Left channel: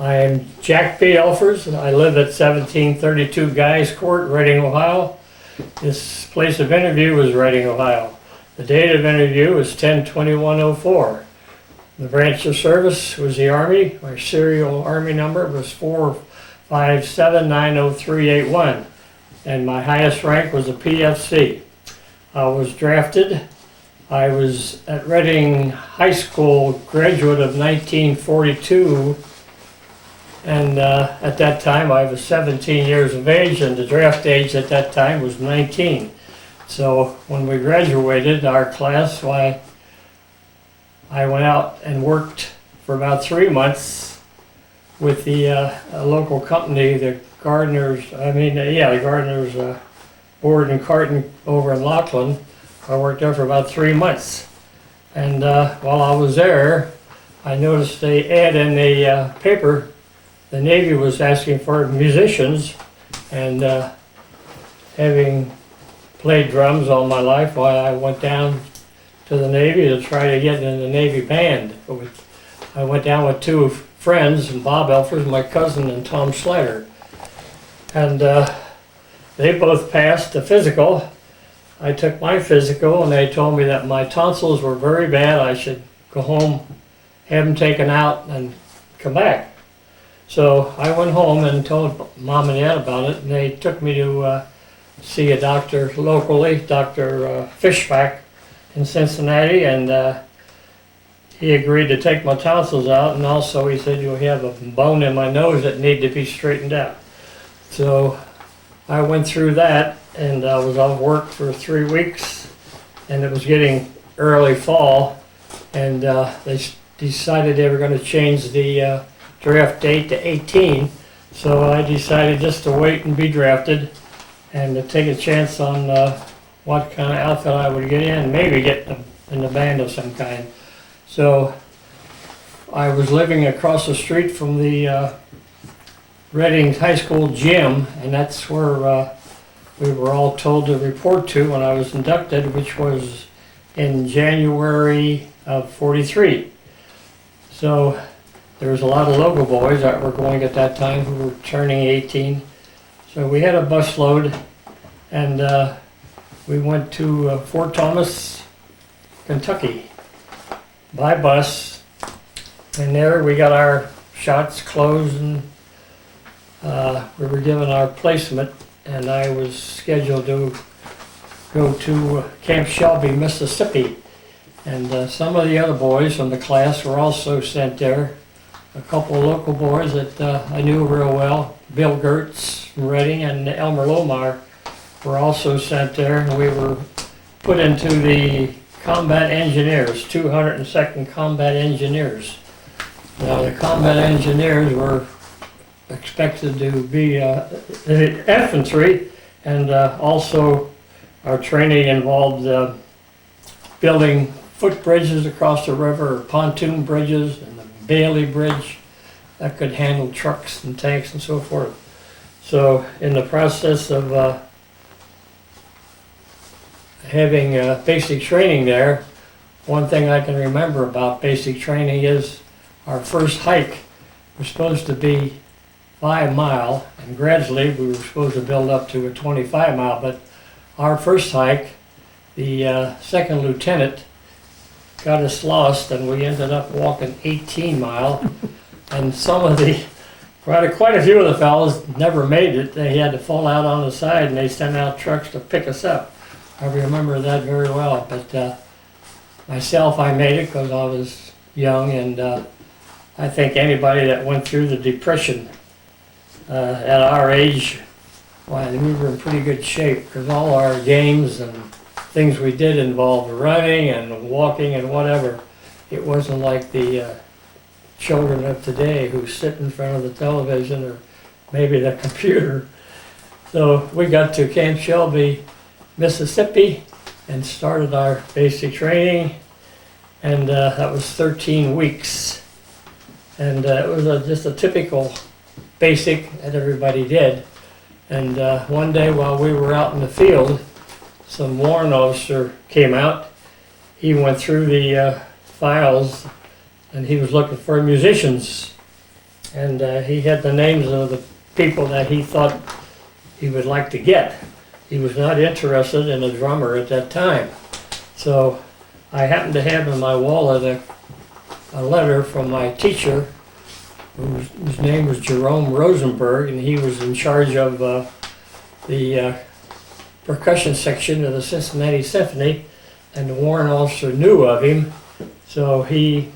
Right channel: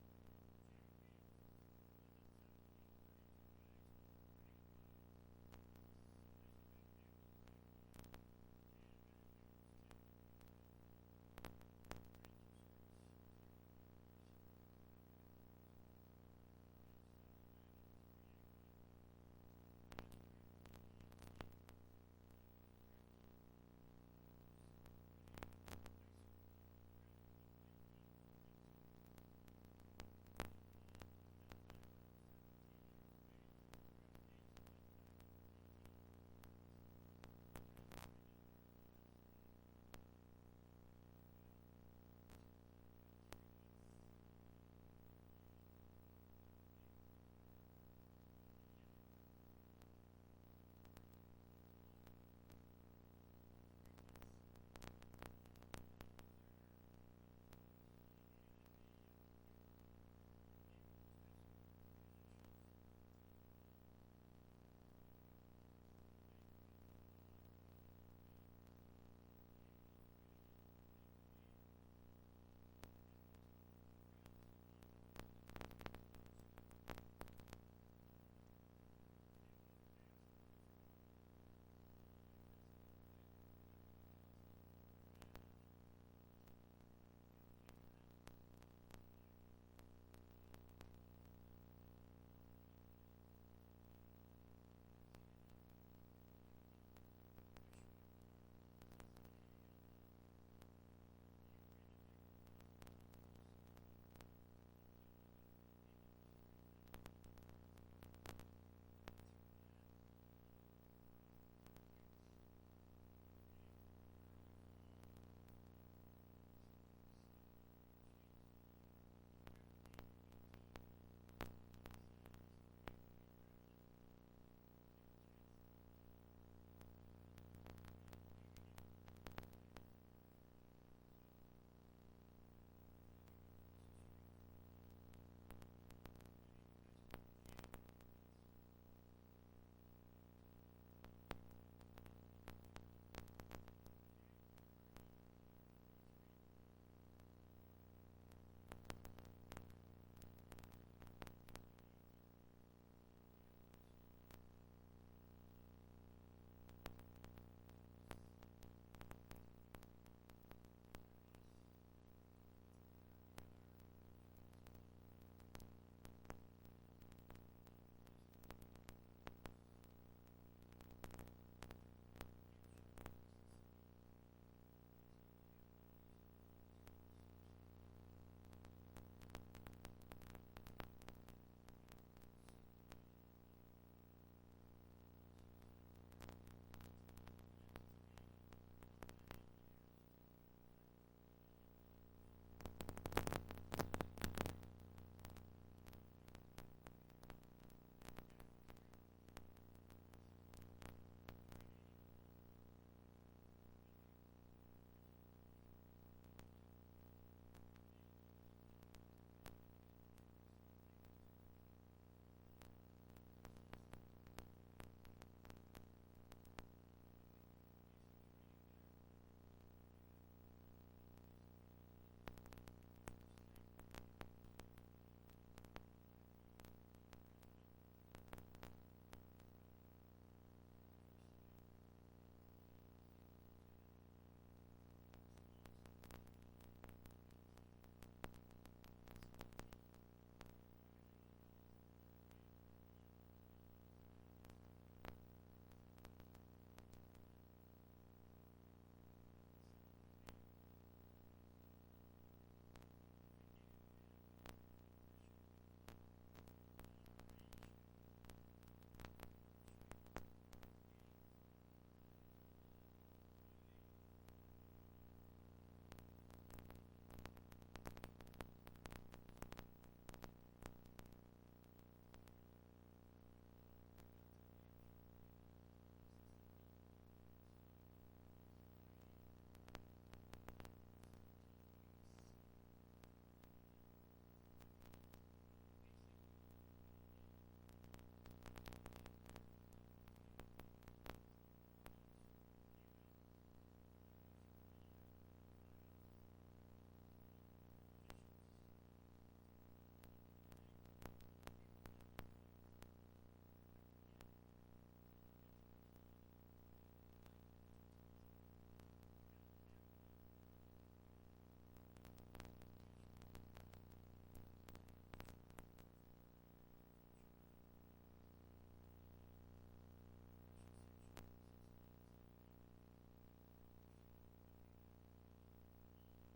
I am Jack B. Elfers, and I live at 1732 Guys Court, Reading, Ohio. This place of interview was Reading, Ohio. The date of interview was 10/21/04. The branch of service was the Army. My serial Army number was 457903881, and my highest rank was a PFC. I was drafted. I was at Reading High School, graduate of 1942, and at that time I was 17 years of age, and the draft age at that time was 19. So when we graduated our class, I went out and worked for about 3 months with the a local company, the Gardeners Board and Carton over in Laughlin. I worked there for about 3 months, and while I was there, I noticed the ad in the paper. The Navy was asking for musicians, and having played drums all my life, I went down to the Navy to try to get in the Navy band. I went down with two friends, Bob Elfers, my cousin, and Tom Slater, and they both passed the physical. I took my physical, and they told me that my tonsils were very bad. I should go home, have them taken out, and come back. So I went home and told Mom and Dad about it, and they took me to see a doctor locally, Dr. Fishback in Cincinnati, and he agreed to take my tonsils out, and also he said, you have a bone in my nose that need to be straightened out. So I went through that, and I was off work for 3 weeks, and it was getting early fall, and they decided they were going to change the draft date to 18, so I decided just to wait and be drafted and to take a chance on what kind of outfit I would get in, maybe get in the band of some kind. So I was living across the street from the Reading High School gym, and that's where we were all told to report to when I was inducted, which was in January of '43. So there was a lot of local boys that were going at that time who were turning 18. So we had a bus load, and we went to Fort Thomas, Kentucky by bus, and there we got our shots closed, and we were given our placement, and I was scheduled to go to Camp Shelby, Mississippi, and some of the other boys from the class were also sent there. A couple of local boys that I knew real well, Bill Gertz from Reading and Elmer Lohmeyer, were also sent there, and we were put into the Combat Engineers, 202nd Combat Engineers. Now the Combat Engineers were expected to be infantry, and also our training involved building footbridges across the river, or pontoon bridges, and the Bailey Bridge that could handle trucks and tanks and so forth. So in the process of having basic training there, one thing I can remember about basic training is our first hike was supposed to be 5 mile, and gradually we were supposed to build up to a 25 mile, but our first hike, the second lieutenant got us lost, and we ended up walking 18 mile, and some of the, quite a few of the fellows never made it. They had to fall out on the side, and they sent out trucks to pick us up. I remember that very well, but myself, I made it because I was young, and I think anybody that went through the Depression at our age, well, we were in pretty good shape, because all our games and things we did involved running and walking and whatever. It wasn't like the children of today who sit in front of the television or maybe the computer. So we got to Camp Shelby, Mississippi, and started our basic training, and that was 13 weeks. And it was just a typical basic that everybody did. And one day while we were out in the field, some warrant officer came out. He went through the files, and he was looking for musicians. and he had the names of the people that he thought he would like to get. He was not interested in a drummer at that time. So I happened to have in my wallet a letter from my teacher, whose name was Jerome Rosenberg, and he was in charge of the percussion section of the Cincinnati Symphony, and the warrant officer knew of him. So he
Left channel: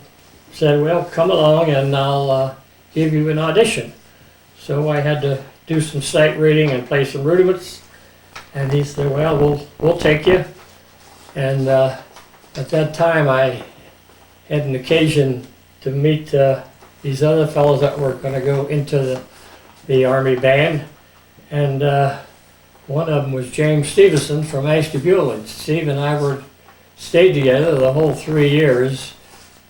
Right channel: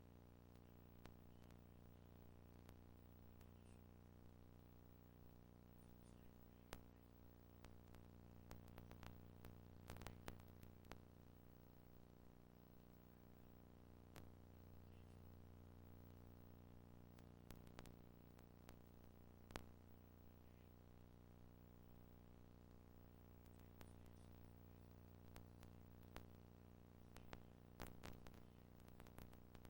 said, well, come along and I'll give you an audition. So I had to do some sight reading and play some rudiments. And he said, well, we'll take you. And at that time, I had an occasion to meet these other fellows that were going to go into the Army band. And one of them was James Stevenson from Ashtabula. Steve and I stayed together the whole 3 years.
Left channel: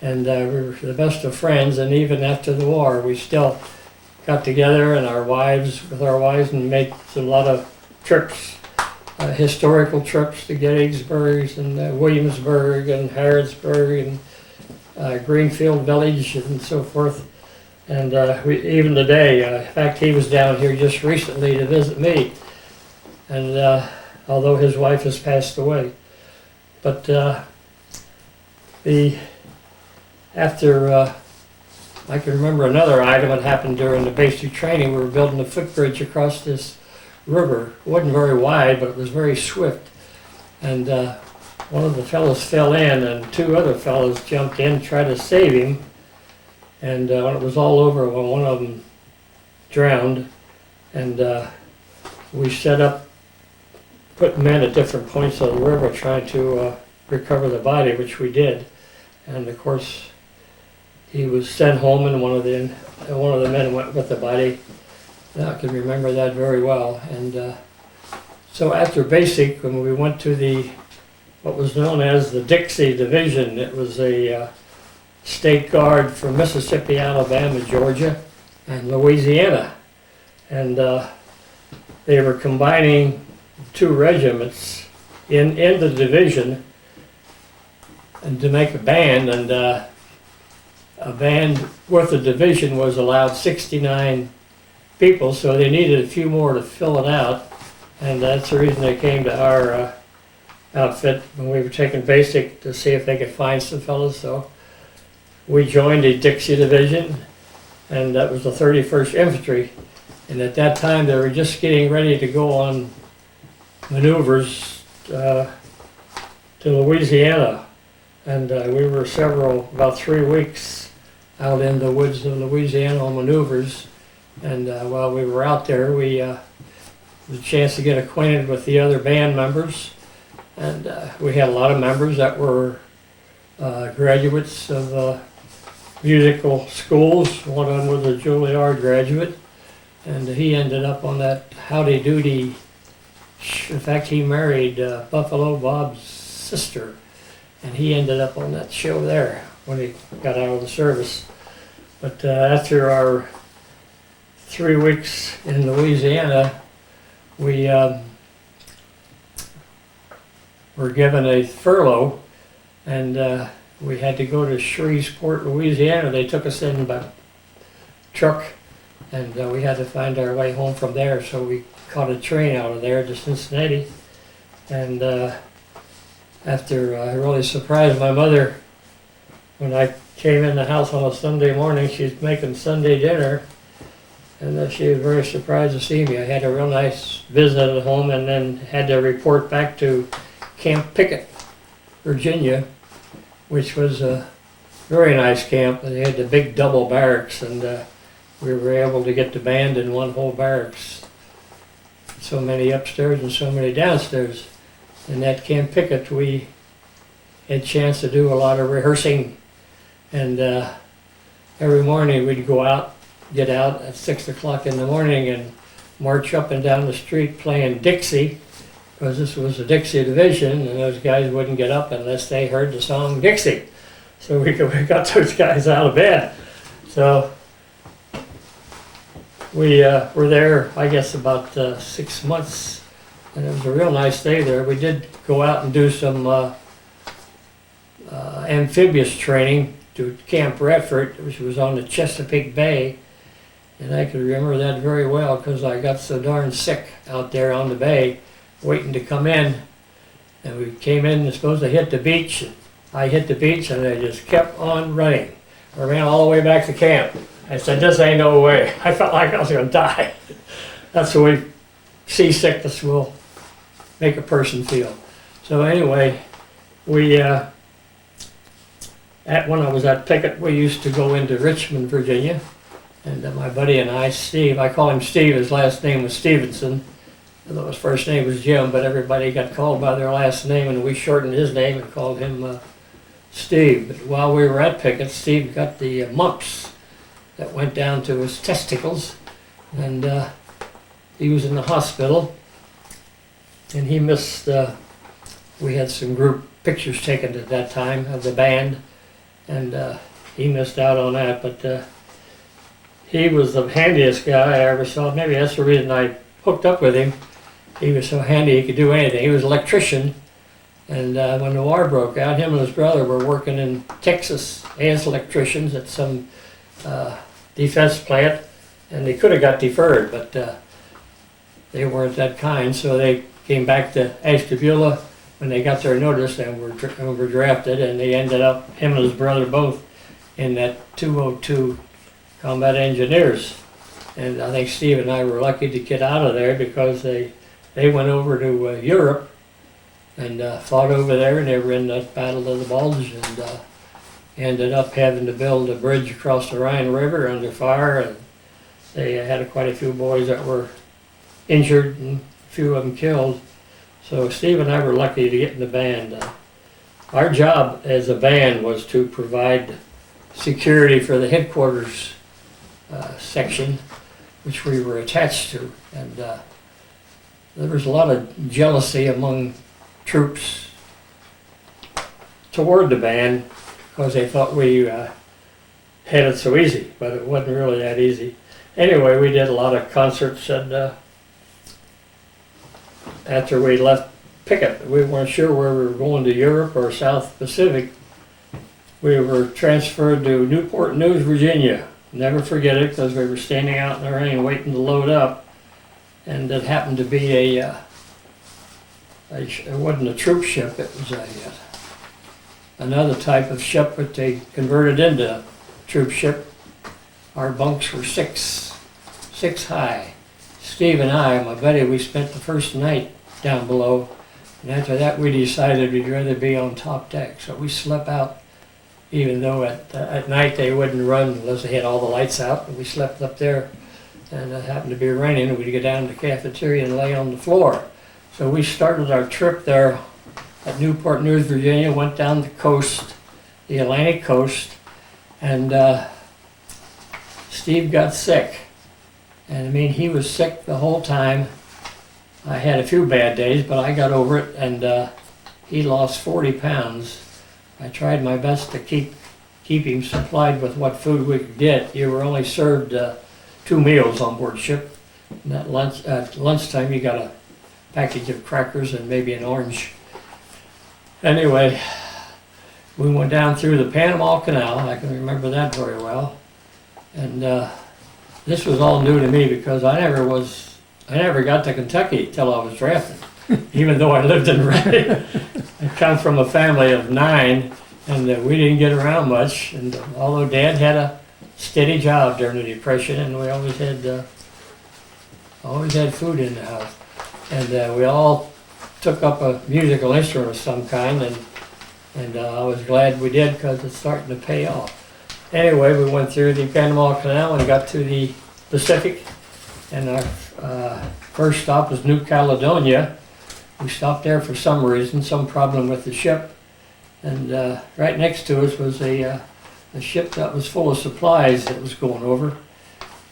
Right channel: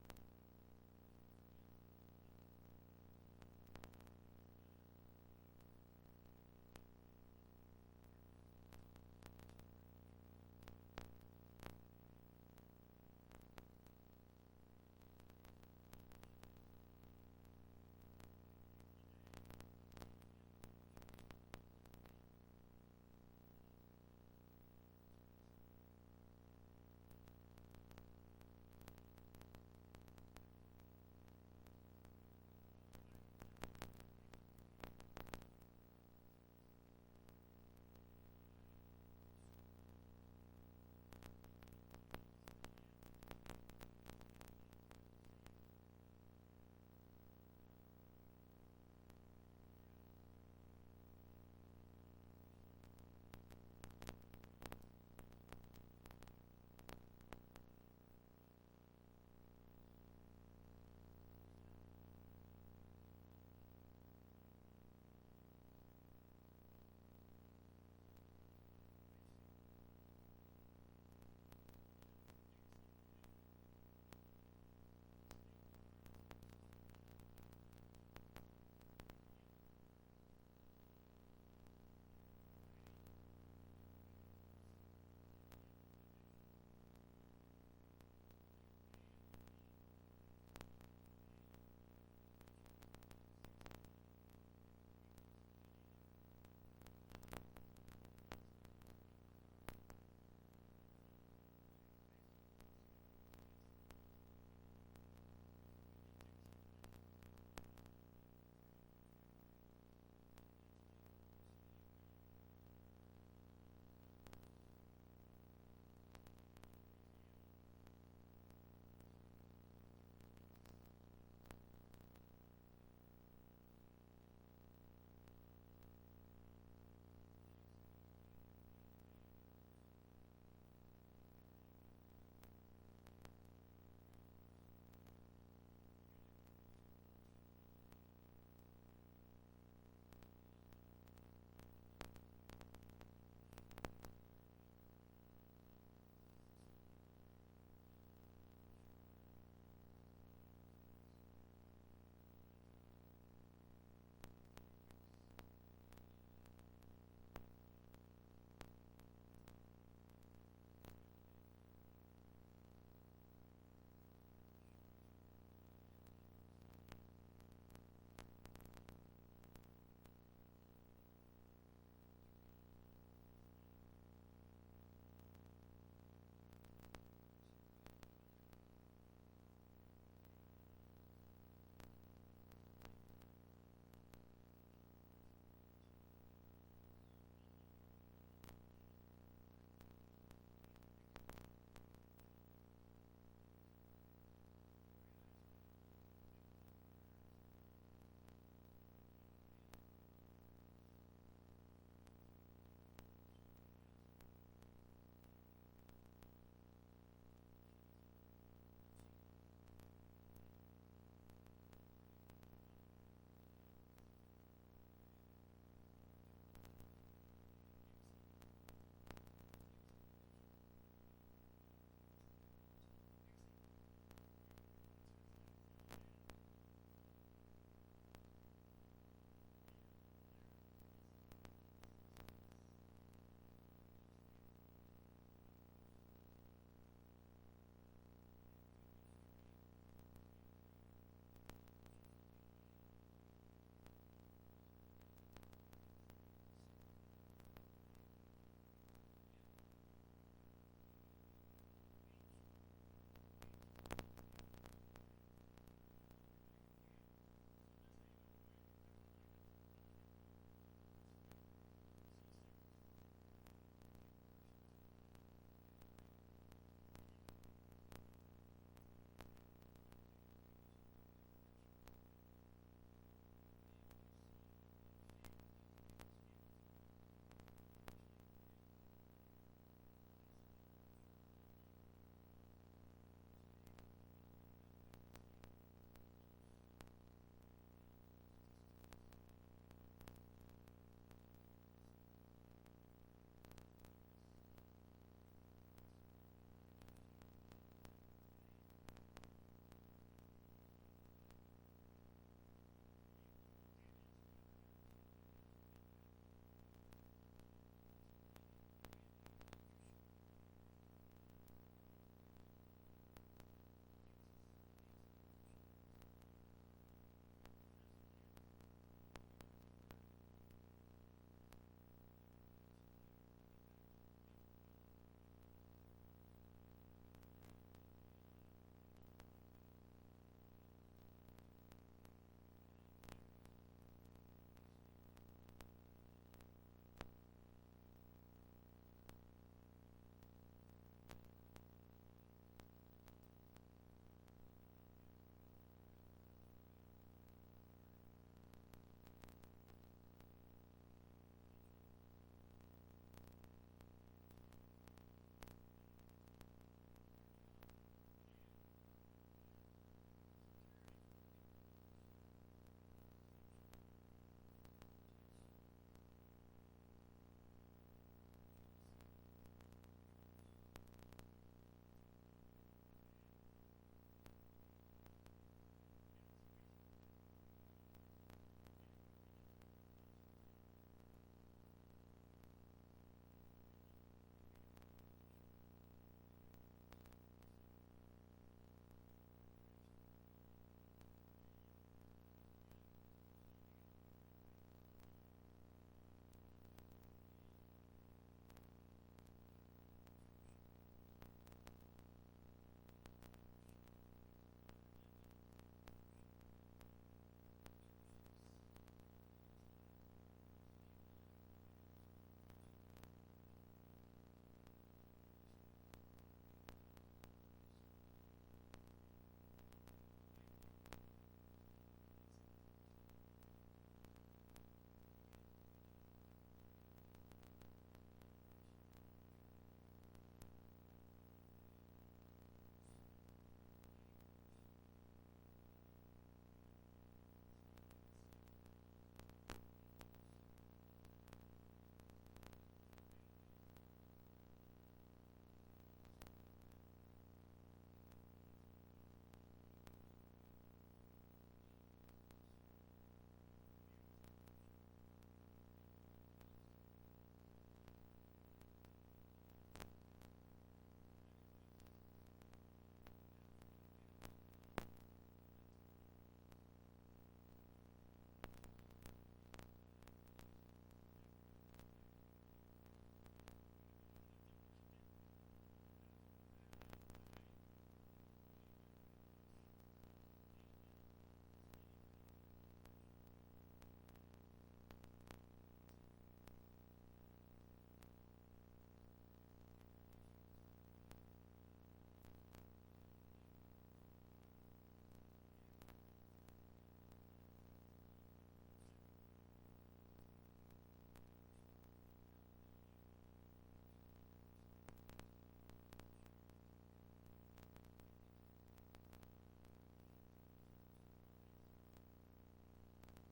And we were the best of friends. And even after the war, we still got together and with our wives, and made a lot of trips. Historical trips to Gettysburg and Williamsburg and Harrodsburg and Greenfield Village and so forth. And even today, in fact, he was down here just recently to visit me. And although his wife has passed away, but after I can remember another item that happened during the basic training. We were building a footbridge across this river. It wasn't very wide, but it was very swift. And one of the fellows fell in, and 2 other fellows jumped in, tried to save him. And when it was all over, one of them drowned. And we set up, put men at different points of the river trying to recover the body, which we did. And of course, he was sent home, and one of the men went with the body. Now I can remember that very well. And so after basic, when we went to what was known as the Dixie Division, it was a state guard from Mississippi, Alabama, Georgia, and Louisiana. And they were combining 2 regiments in the division and to make a band. And a band with the division was allowed 69 people, so they needed a few more to fill it out, and that's the reason they came to our outfit when we were taking basic, to see if they could find some fellows. So we joined the Dixie Division, and that was the 31st Infantry, and at that time they were just getting ready to go on maneuvers to Louisiana, and we were about 3 weeks out in the woods of Louisiana on maneuvers. And while we were out there, we had a chance to get acquainted with the other band members. And we had a lot of members that were graduates of musical schools. One of them was a Juilliard graduate, and he ended up on that Howdy Doody. In fact, he married Buffalo Bob's sister, and he ended up on that show there when he got out of the service. But after our 3 weeks in Louisiana, we were given a furlough, and we had to go to Shreveport, Louisiana. They took us in by truck, and we had to find our way home from there, so we caught a train out of there to Cincinnati. And after I really surprised my mother when I came in the house on a Sunday morning. She's making Sunday dinner, and she was very surprised to see me. I had a real nice visit at home, and then had to report back to Camp Pickett, Virginia, which was a very nice camp. They had the big double barracks, and we were able to get the band in one whole barracks. So many upstairs and so many downstairs. In that Camp Pickett, we had a chance to do a lot of rehearsing, and every morning we'd get out at 6 o'clock in the morning and march up and down the street playing Dixie, because this was a Dixie division, and those guys wouldn't get up unless they heard the song Dixie. So we got those guys out of bed. So we were there, I guess, about 6 months, and it was a real nice day there. We did go out and do some amphibious training to Camp Redford, which was on the Chesapeake Bay, And I can remember that very well because I got so darn sick out there on the bay waiting to come in. And we came in and supposed to hit the beach. I hit the beach and I just kept on running. I ran all the way back to camp. I said, this ain't no way. I felt like I was going to die. That's the way seasickness will make a person feel. So anyway, we, when I was at Pickett, we used to go into Richmond, Virginia. And my buddy and I, Steve, I call him Steve, his last name was Stevenson. Although his first name was Jim, but everybody got called by their last name, and we shortened his name and called him Steve. But while we were at Pickett, Steve got the mumps that went down to his testicles, and he was in the hospital, and he missed, we had some group pictures taken at that time of the band, and he missed out on that, but he was the handiest guy I ever saw. Maybe that's the reason I hooked up with him. He was so handy, he could do anything. He was an electrician, and when the war broke out, him and his brother were working in Texas as electricians at some defense plant, and they could have got deferred, but they weren't that kind, so they came back to Ashtabula when they got their notice and were drafted, and they ended up, him and his brother both, in that 202 Combat Engineers. And I think Steve and I were lucky to get out of there because they went over to Europe and fought over there, and they were in the Battle of the Bulge, and ended up having to build a bridge across the Rhine River under fire, and they had quite a few boys that were injured and a few of them killed. So Steve and I were lucky to get in the band. Our job as a band was to provide security for the headquarters section, which we were attached to, and there was a lot of jealousy among troops toward the band because they thought we had it so easy, but it wasn't really that easy. Anyway, we did a lot of concerts, and after we left Pickett, we weren't sure where we were going, to Europe or South Pacific. We were transferred to Newport News, Virginia. Never forget it, because we were standing out in the rain waiting to load up, and it happened to be it wasn't a troop ship, it was another type of ship, but they converted into a troop ship. Our bunks were six high. Steve and I, my buddy, we spent the first night down below, and after that we decided we'd rather be on top deck, so we slept out. Even though at night they wouldn't run unless they had all the lights out, and we slept up there, and it happened to be raining, and we'd go down to the cafeteria and lay on the floor. So we started our trip there at Newport News, Virginia, went down the coast, the Atlantic coast, and Steve got sick. And I mean, he was sick the whole time. I had a few bad days, but I got over it, and he lost 40 pounds. I tried my best to keep him supplied with what food we could get. You were only served 2 meals on board ship. And at lunchtime you got a package of crackers and maybe an orange. Anyway, we went down through the Panama Canal. I can remember that very well. And this was all new to me because I never got to Kentucky till I was drafted. Even though I lived in Reading. I come from a family of 9, and we didn't get around much. And although Dad had a steady job during the Depression, and we always had food in the house, and we all took up a musical instrument of some kind, and I was glad we did because it's starting to pay off. Anyway, we went through the Panama Canal and got to the Pacific, and our first stop was New Caledonia. We stopped there for some reason, some problem with the ship, and right next to us was a ship that was full of supplies that was going over,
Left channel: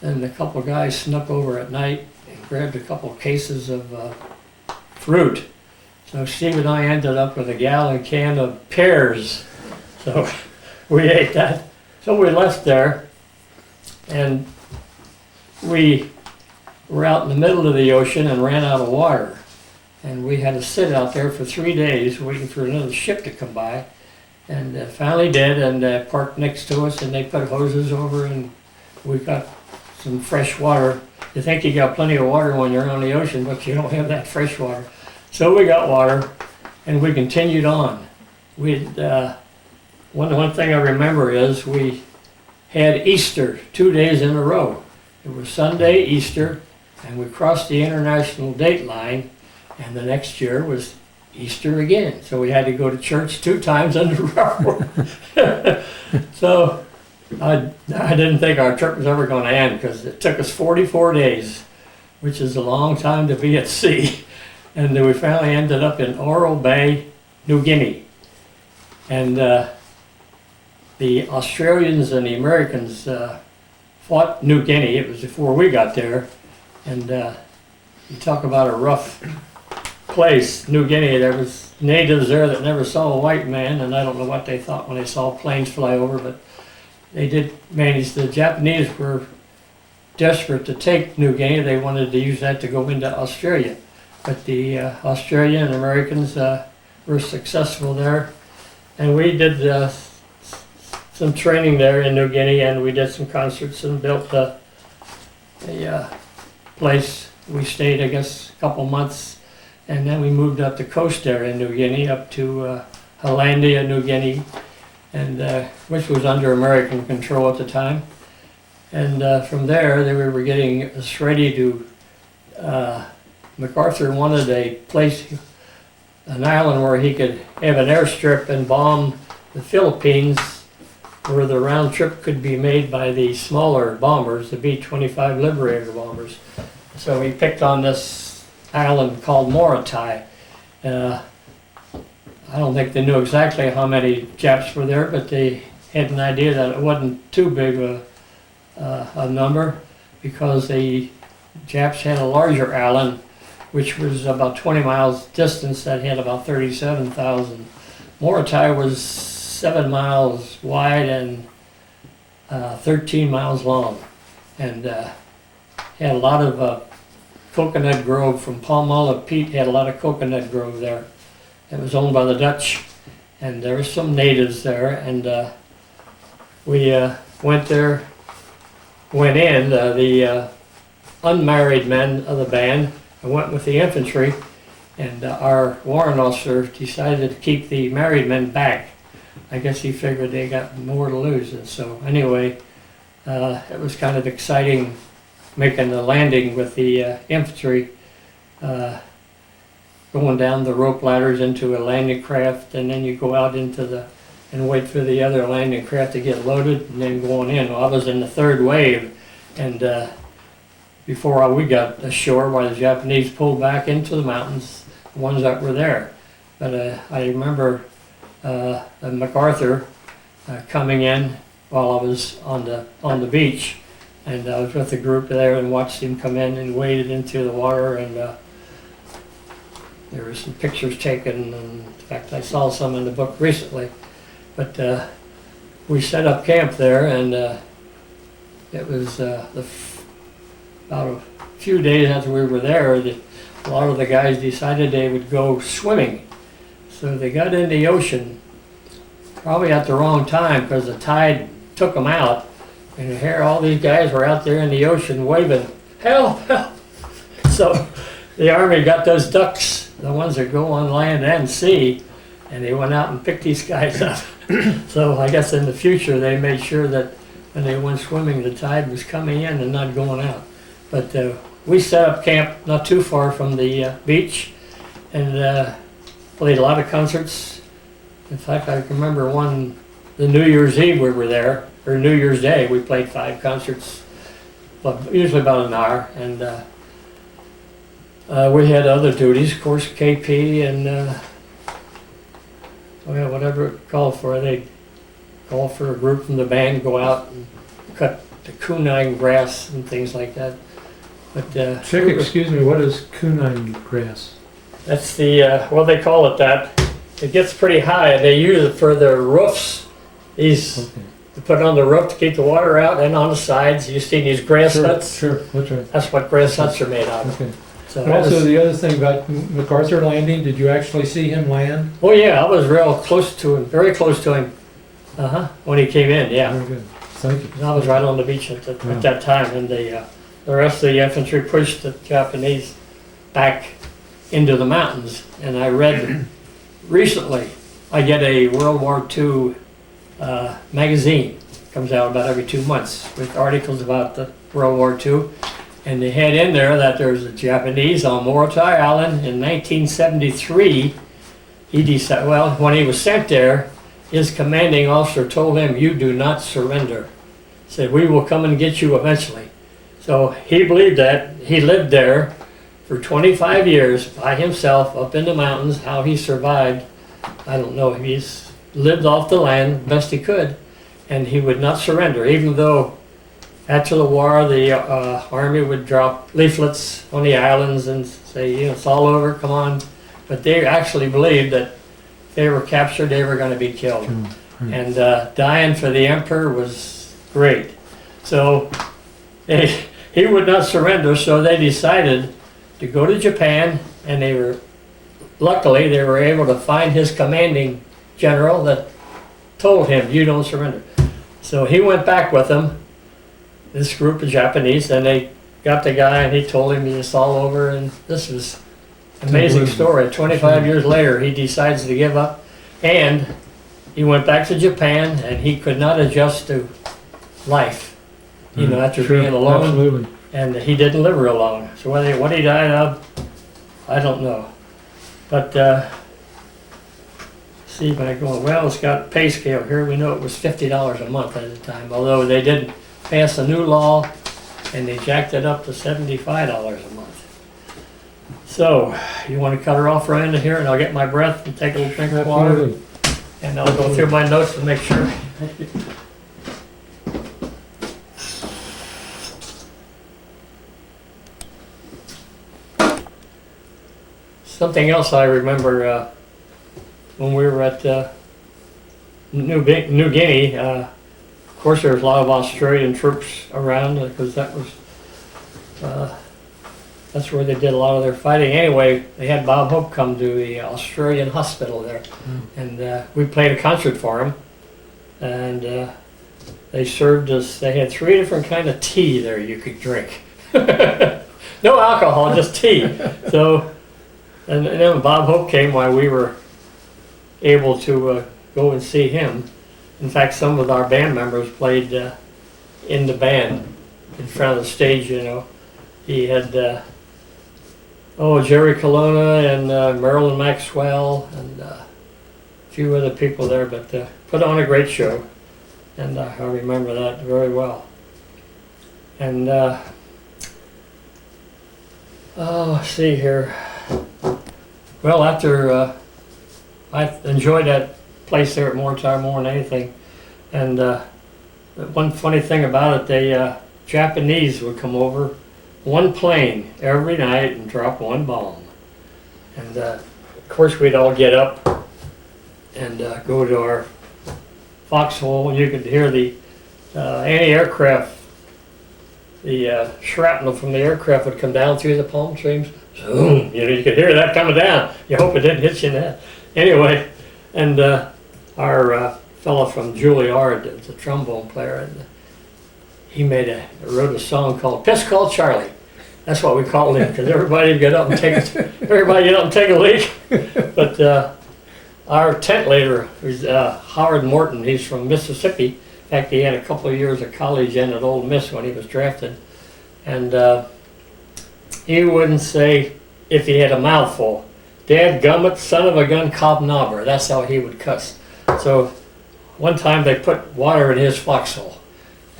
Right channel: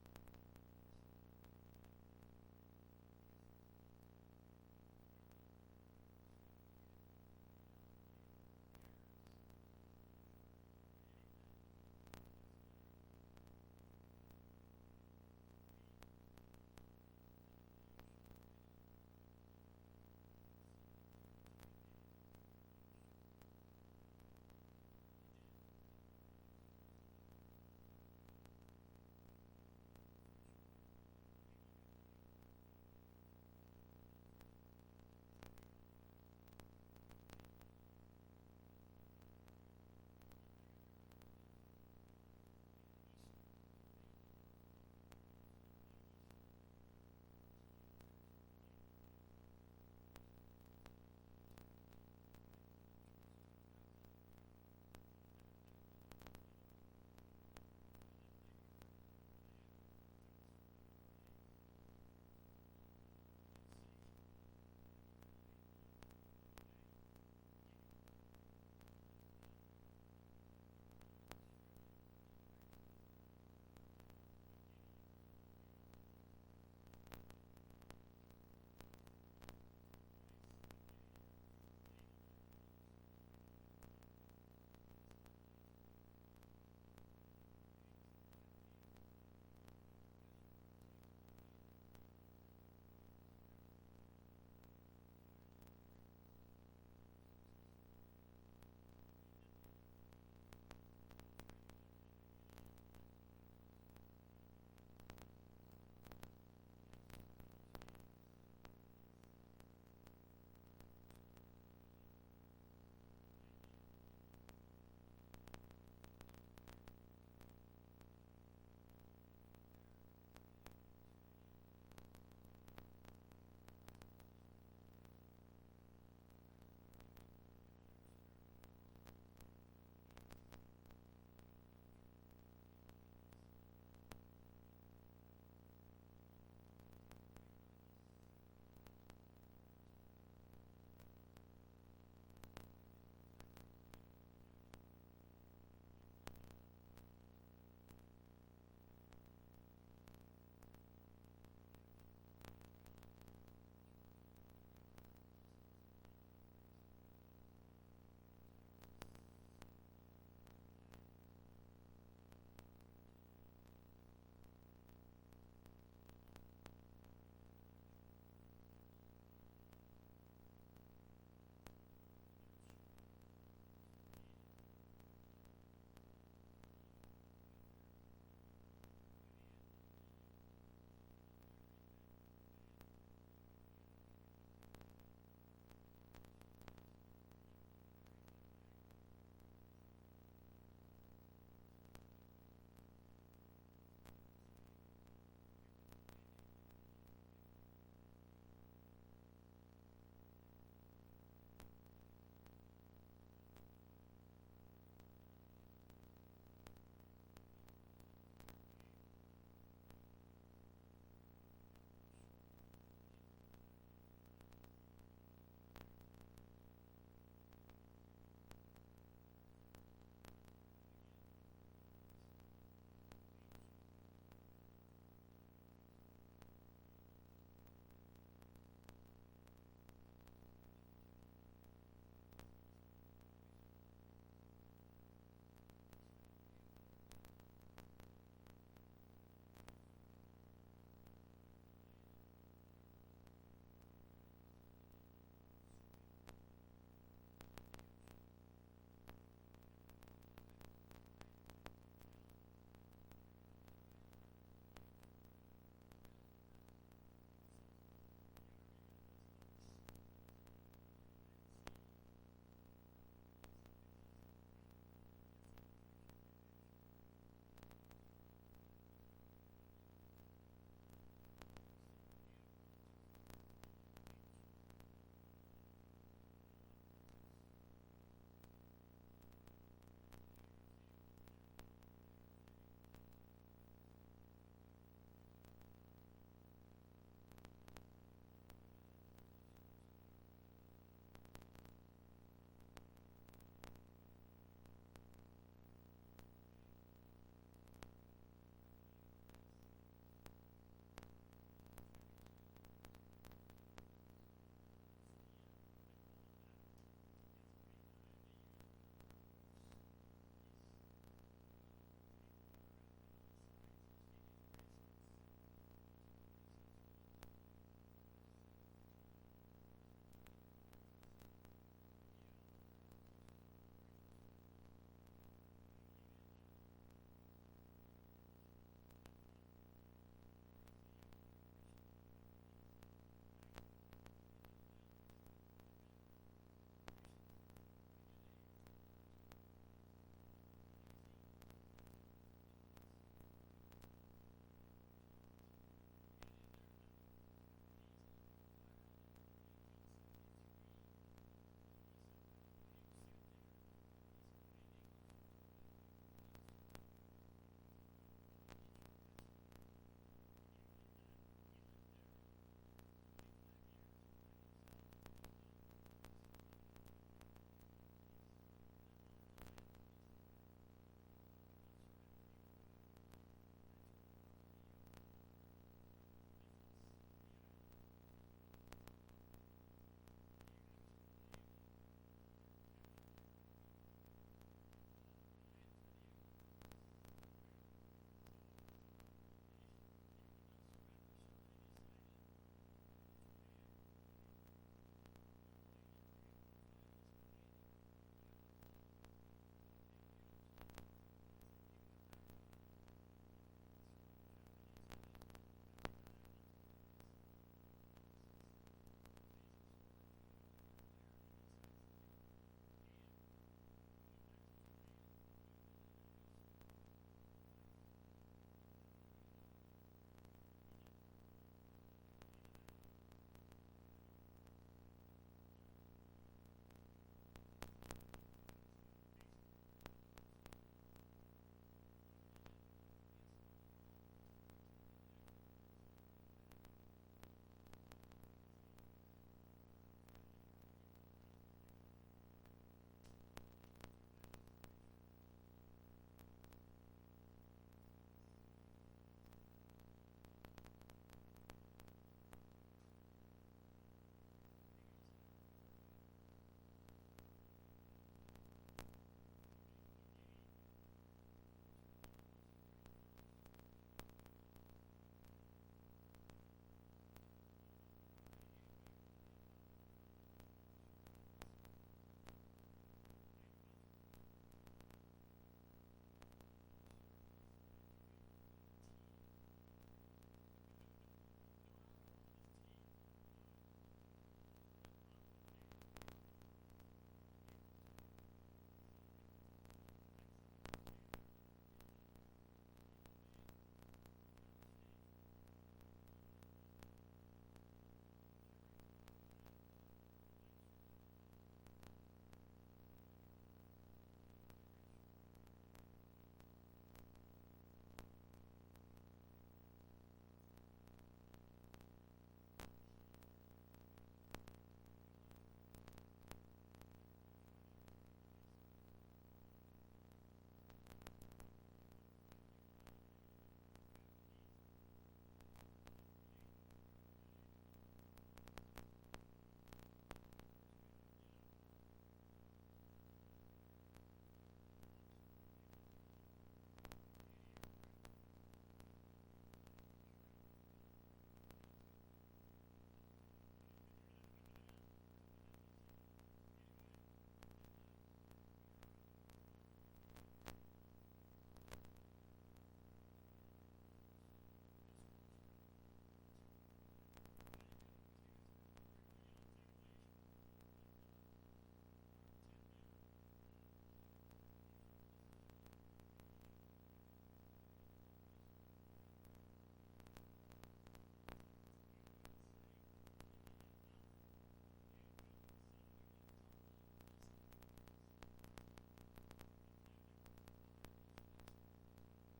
and a couple of guys snuck over at night and grabbed a couple of cases of fruit. So Steve and I ended up with a gallon can of pears, so we ate that. So we left there, and we were out in the middle of the ocean and ran out of water. And we had to sit out there for 3 days waiting for another ship to come by. And finally did, and parked next to us, and they put hoses over, and we got some fresh water. You think you got plenty of water when you're on the ocean, but you don't have that fresh water. So we got water, and we continued on. One thing I remember is we had Easter 2 days in a row. It was Sunday, Easter, and we crossed the international date line, and the next year was Easter again. So we had to go to church 2 times in a row. So I didn't think our trip was ever going to end, because it took us 44 days, which is a long time to be at sea. And then we finally ended up in Oro Bay, New Guinea. And the Australians and the Americans fought New Guinea. It was before we got there. And you talk about a rough place, New Guinea. There was natives there that never saw a white man, and I don't know what they thought when they saw planes fly over, but they did manage. The Japanese were desperate to take New Guinea. They wanted to use that to go into Australia. But the Australian and Americans were successful there. And we did some training there in New Guinea, and we did some concerts and built a place. We stayed, I guess, a couple months, and then we moved up the coast there in New Guinea, up to Hollandia, New Guinea, and which was under American control at the time. And from there, we were getting us ready to, MacArthur wanted a place, an island where he could have an airstrip and bomb the Philippines, where the round trip could be made by the smaller bombers, the B-25 Liberator bombers. So he picked on this island called Moratorium. I don't think they knew exactly how many Japs were there, but they had an idea that it wasn't too big a number, because the Japs had a larger island, which was about 20 miles distance, that had about 37,000. Morotai was 7 miles wide and 13 miles long, and had a lot of coconut grove from Palmolive Peak. Had a lot of coconut grove there. It was owned by the Dutch, and there were some natives there, and we went there, went in, the unmarried men of the band. I went with the infantry, and our warrant officer decided to keep the married men back. I guess he figured they got more to lose. And so anyway, it was kind of exciting making the landing with the infantry, going down the rope ladders into a landing craft, and then you go out into and wait for the other landing craft to get loaded, and then going in. Well, I was in the third wave, and before we got ashore, while the Japanese pulled back into the mountains, the ones that were there. But I remember MacArthur coming in while I was on the beach, and I was with a group there and watched him come in and waded into the water, and there were some pictures taken, and in fact I saw some in the book recently. But we set up camp there, and it was about a few days after we were there, a lot of the guys decided they would go swimming. So they got in the ocean, probably at the wrong time, because the tide took them out. And here all these guys were out there in the ocean waving, "Help, help!" So the Army got those ducks, the ones that go on land and sea, and they went out and picked these guys up. So I guess in the future they made sure that when they went swimming, the tide was coming in and not going out. But we set up camp not too far from the beach, and played a lot of concerts. In fact, I can remember the New Year's Eve we were there, or New Year's Day, we played 5 concerts, but usually about an hour. And we had other duties, of course, KP and whatever it called for. They'd call for a group from the band, go out and cut the kunai grass and things like that. But Chick, excuse me, what is kunai grass? That's the, well, they call it that. It gets pretty high. They use it for their roofs. To put on the roof to keep the water out, and on the sides. You see these grass huts? Sure, that's right. That's what grass huts are made out of. Okay. So And also the other thing about MacArthur landing, did you actually see him land? oh yeah, I was real close to him, very close to him. When he came in, yeah. Very good. thank you. And I was right on the beach at that time, and the rest of the infantry pushed the Japanese back into the mountains. And I read recently, I get a World War II magazine, comes out about every 2 months with articles about the World War II. And they had in there that there's a Japanese on Moratorium Island in 1973. He decided, well, when he was sent there, his commanding officer told him, "You do not surrender." Said, "We will come and get you eventually." So he believed that. He lived there for 25 years by himself up in the mountains. How he survived, I don't know. He's lived off the land best he could, and he would not surrender, even though after the war the army would drop leaflets on the islands and say, you know, it's all over, come on. But they actually believed that if they were captured, they were going to be killed. And dying for the emperor was great. So he would not surrender, so they decided to go to Japan, and luckily they were able to find his commanding general that told him, "You don't surrender." So he went back with them, this group of Japanese, and they got the guy, and he told him it's all over, and this was an amazing story. 25 years later, he decides to give up, and he went back to Japan, and he could not adjust to life, you know, after being alone. Absolutely. And he didn't live real long. So what he died of, I don't know. But see, by going, well, it's got pay scale here. We know it was $50 a month at the time, although they did pass a new law and they jacked it up to $75 a month. So you want to cut her off right into here, and I'll get my breath and take a little drink of water, Absolutely. and I'll go through my notes to make sure. Something else I remember when we were at New Guinea. Of course, there was a lot of Australian troops around because that's where they did a lot of their fighting. Anyway, they had Bob Hope come to the Australian hospital there, and we played a concert for him. And they served us. They had 3 different kind of tea there you could drink. No alcohol, just tea. So. And then Bob Hope came while we were able to go and see him. In fact, some of our band members played in the band in front of the stage, you know. He had, Jerry Colonna and Marilyn Maxwell and a few other people there, but put on a great show. And I remember that very well. And, let's see here. Well, after I enjoyed that place there at Moratorium more than anything, and one funny thing about it, the Japanese would come over one plane every night and drop one bomb, and of course we'd all get up and go to our foxhole, and you could hear the anti-aircraft, the shrapnel from the aircraft would come down through the palm trees. Zoom, you know, you could hear that coming down. You hope it didn't hit you in the head. Anyway, and our fellow from Juilliard, the trombone player, and he wrote a song called "Piss Called Charlie." That's what we called him, because everybody would get up and take a leak. But our tent leader was Howard Morton. He's from Mississippi. In fact, he had a couple of years of college in at Ole Miss when he was drafted, and he wouldn't say, if he had a mouthful, "Dad gummit, son of a gun, cobnobber." That's how he would cuss. So one time they put water in his foxhole,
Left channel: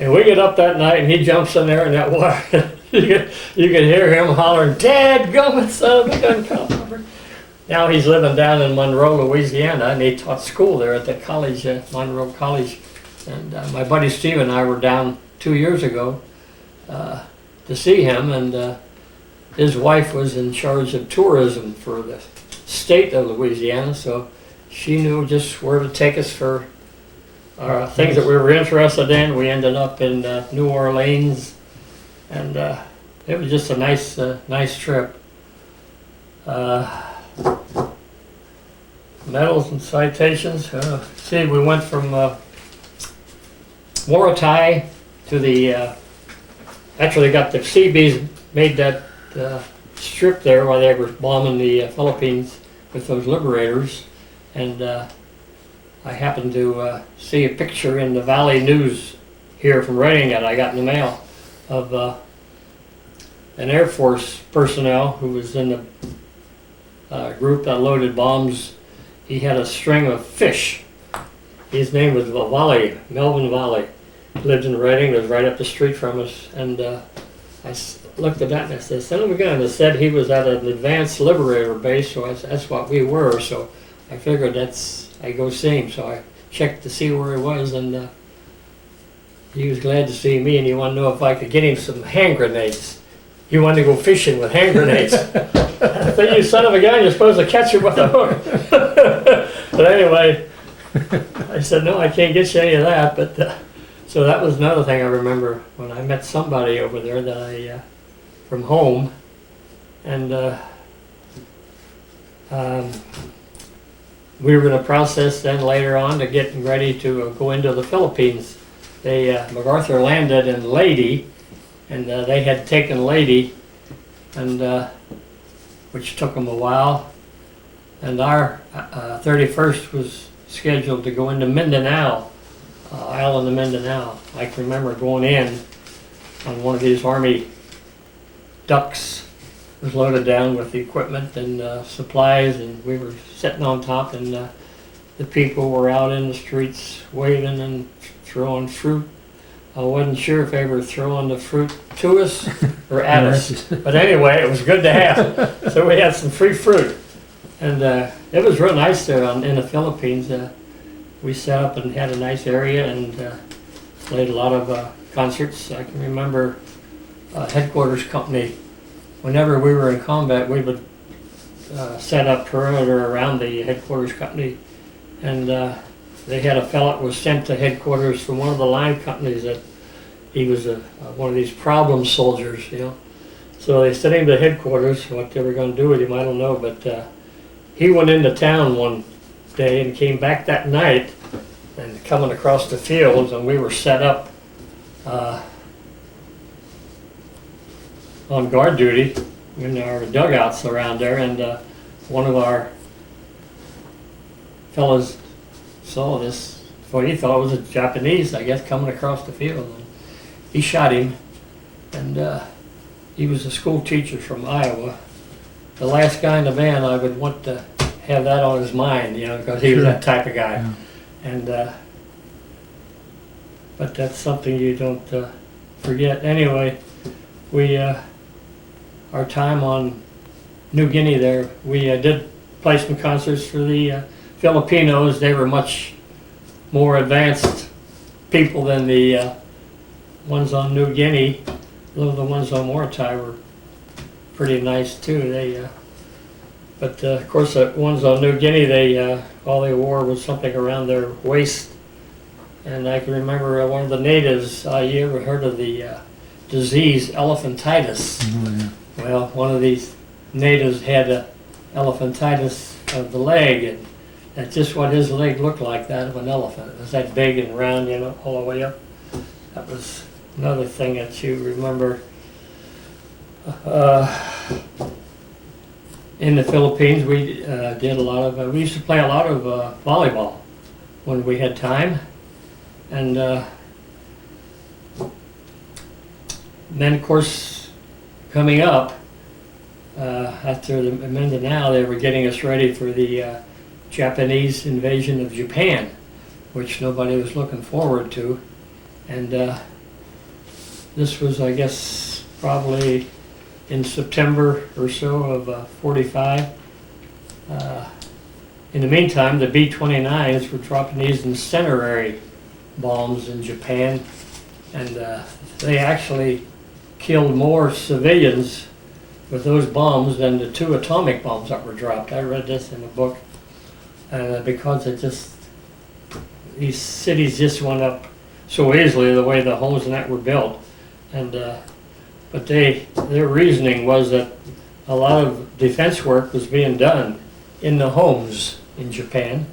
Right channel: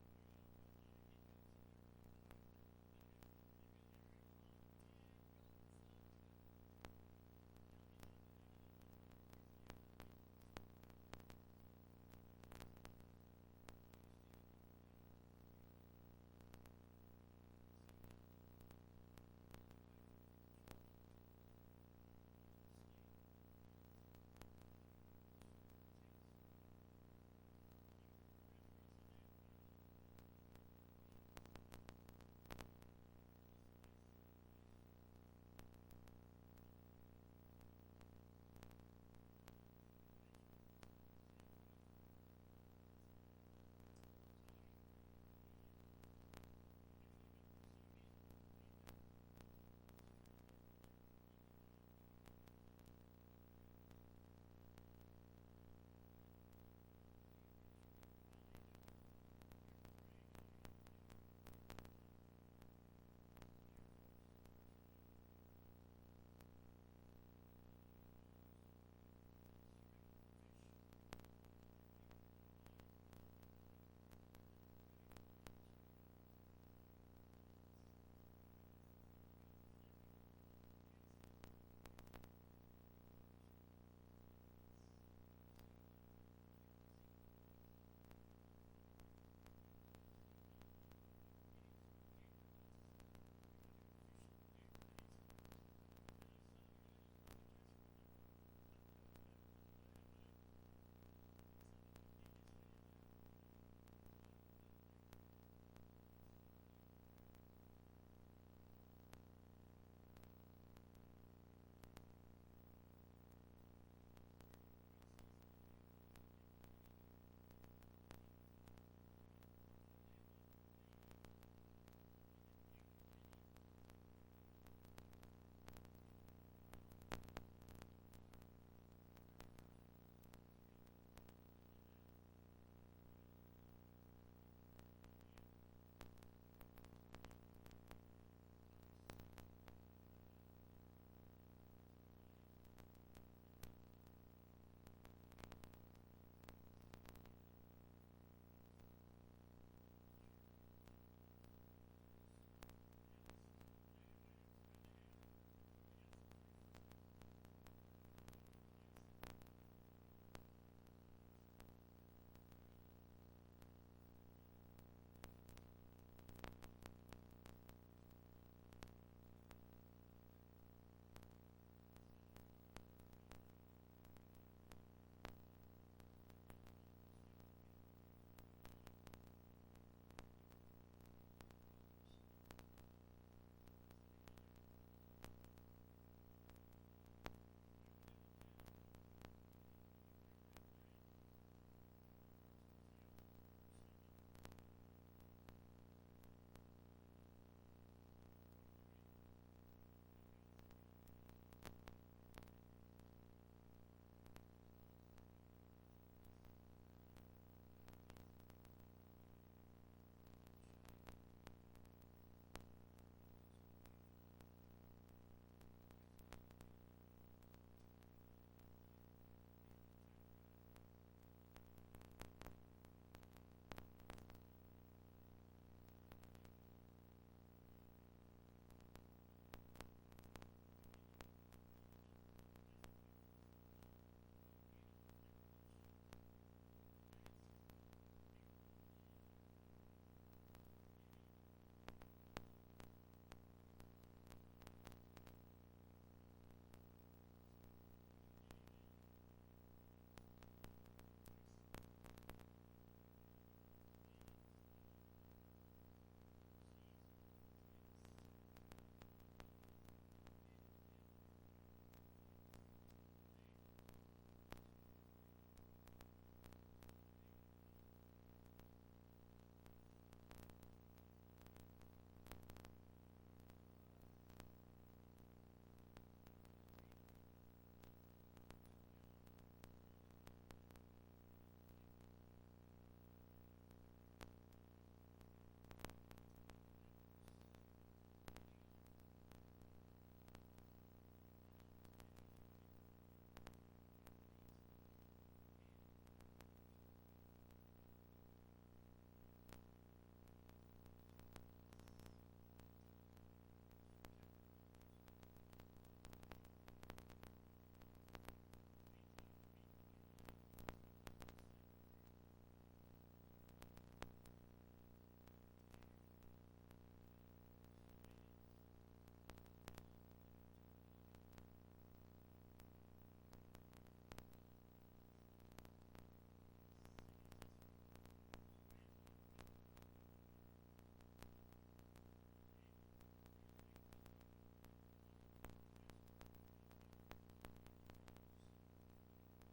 and we get up that night and he jumps in there in that water. you could hear him hollering, "Dad gummit, son of a gun, cobnobber." Now he's living down in Monroe, Louisiana, and he taught school there at the college, Monroe College. And my buddy Steve and I were down 2 years ago to see him, and his wife was in charge of tourism for the state of Louisiana, so she knew just where to take us for things that we were interested in. We ended up in New Orleans, and it was just a nice trip. Medals and citations. See, we went from Morotai to the, actually got the Seabees made that strip there while they were bombing the Philippines with those liberators. And I happened to see a picture in the Valley News here from writing it. I got in the mail of an Air Force personnel who was in the group that loaded bombs. He had a string of fish. His name was Valley, Melvin Valley. He lived in Reading, it was right up the street from us. And looked at that and I said, son of a gun, it said he was at an advanced liberator base, so that's what we were. So I figured I'd go see him. So I checked to see where he was, and he was glad to see me, and he wanted to know if I could get him some hand grenades. He wanted to go fishing with hand grenades. I said, you son of a gun, you're supposed to catch him with a hook. But anyway, I said, no, I can't get you any of that. But so that was another thing I remember when I met somebody over there that from home, and we were in a process then later on to getting ready to go into the Philippines. MacArthur landed in Leyte, and they had taken Leyte, and which took them a while. And our 31st was scheduled to go into Mindanao, island of Mindanao. I can remember going in on one of these Army ducks. It was loaded down with the equipment and supplies, and we were sitting on top, and the people were out in the streets waving and throwing fruit. I wasn't sure if they were throwing the fruit to us or at us, but anyway, it was good to have. So we had some free fruit, and it was real nice there in the Philippines. We set up and had a nice area and played a lot of concerts. I can remember headquarters company. Whenever we were in combat, we would set up perimeter around the headquarters company, and they had a fellow that was sent to headquarters from one of the line companies that he was one of these problem soldiers, you know. So they sent him to headquarters. What they were going to do with him, I don't know, but he went into town one day and came back that night, and coming across the fields, and we were set up on guard duty in our dugouts around there, and one of our fellows saw this, what he thought was a Japanese, I guess, coming across the field. And he shot him, and he was a school teacher from Iowa. The last guy in the band, I would want to have that on his mind, you know, because he was that type of guy. Yeah. And but that's something you don't forget. Anyway, we our time on New Guinea there, we did play some concerts for the Filipinos. They were much more advanced people than the ones on New Guinea. Though the ones on Morotai were pretty nice too. But of course the ones on New Guinea, all they wore was something around their waist. And I can remember one of the natives, you ever heard of the disease elephantitis? Oh, yeah. Well, one of these natives had elephantitis of the leg, and that's just what his leg looked like, that of an elephant. It was that big and round, you know, all the way up. That was another thing that you remember. In the Philippines, we did a lot of, we used to play a lot of volleyball when we had time. And then, of course, coming up, after the Mindanao, they were getting us ready for the Japanese invasion of Japan, which nobody was looking forward to. And this was, I guess, probably in September or so of 45. In the meantime, the B-29s were dropping these incendiary bombs in Japan, and they actually killed more civilians with those bombs than the 2 atomic bombs that were dropped. I read this in a book, because these cities just went up so easily the way the homes and that were built. And but their reasoning was that a lot of defense work was being done in the homes in Japan,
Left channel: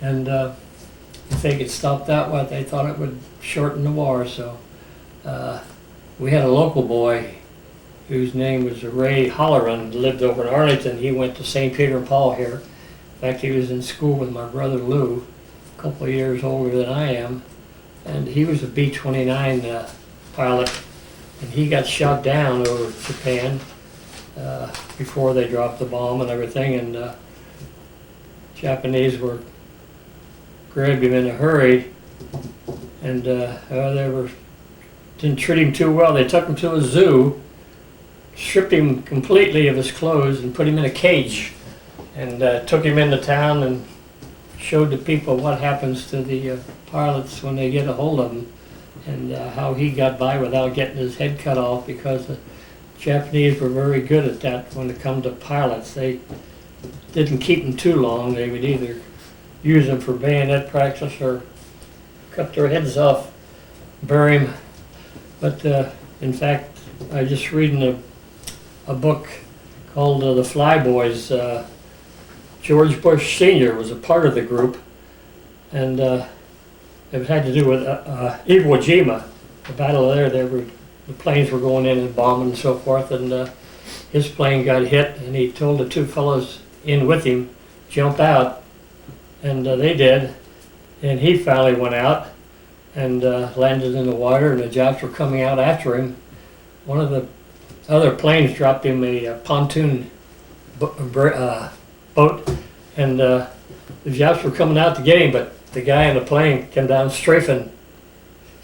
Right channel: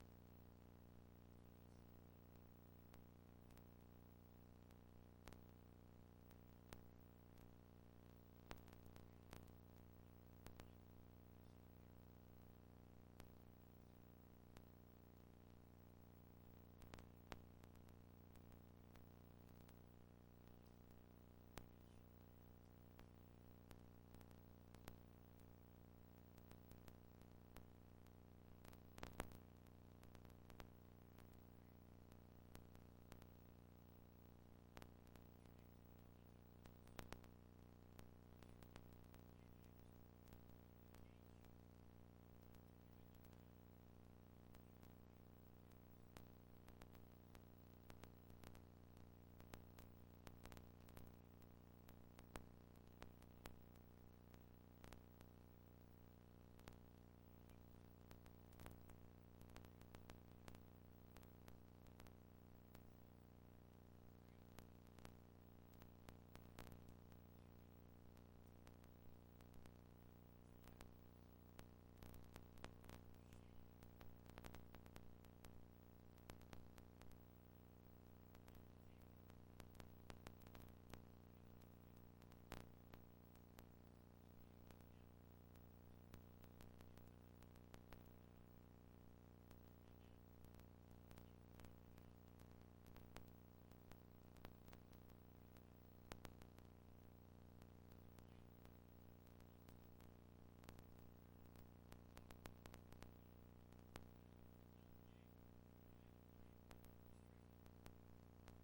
and if they could stop that, they thought it would shorten the war. So we had a local boy whose name was Ray Holleran, lived over in Arlington. He went to St. Peter and Paul here. In fact, he was in school with my brother Lou, a couple of years older than I am, and he was a B-29 pilot, and he got shot down over Japan before they dropped the bomb and everything, and Japanese were grabbed him in a hurry, and didn't treat him too well. They took him to a zoo, stripped him completely of his clothes, and put him in a cage, and took him into town and showed the people what happens to the pilots when they get a hold of them, and how he got by without getting his head cut off, because the Japanese were very good at that when it come to pilots. They didn't keep them too long. They would either use them for bayonet practice or cut their heads off, bury them. But in fact, I just reading a book called The Fly Boys. George Bush Sr. was a part of the group, and it had to do with Iwo Jima, the battle there. The planes were going in and bombing and so forth, and his plane got hit, and he told the two fellows in with him, jump out, and they did, and he finally went out and landed in the water, and the Japs were coming out after him. One of the other planes dropped him a pontoon boat, and the Japs were coming out to get him, but the guy in the plane came down strafing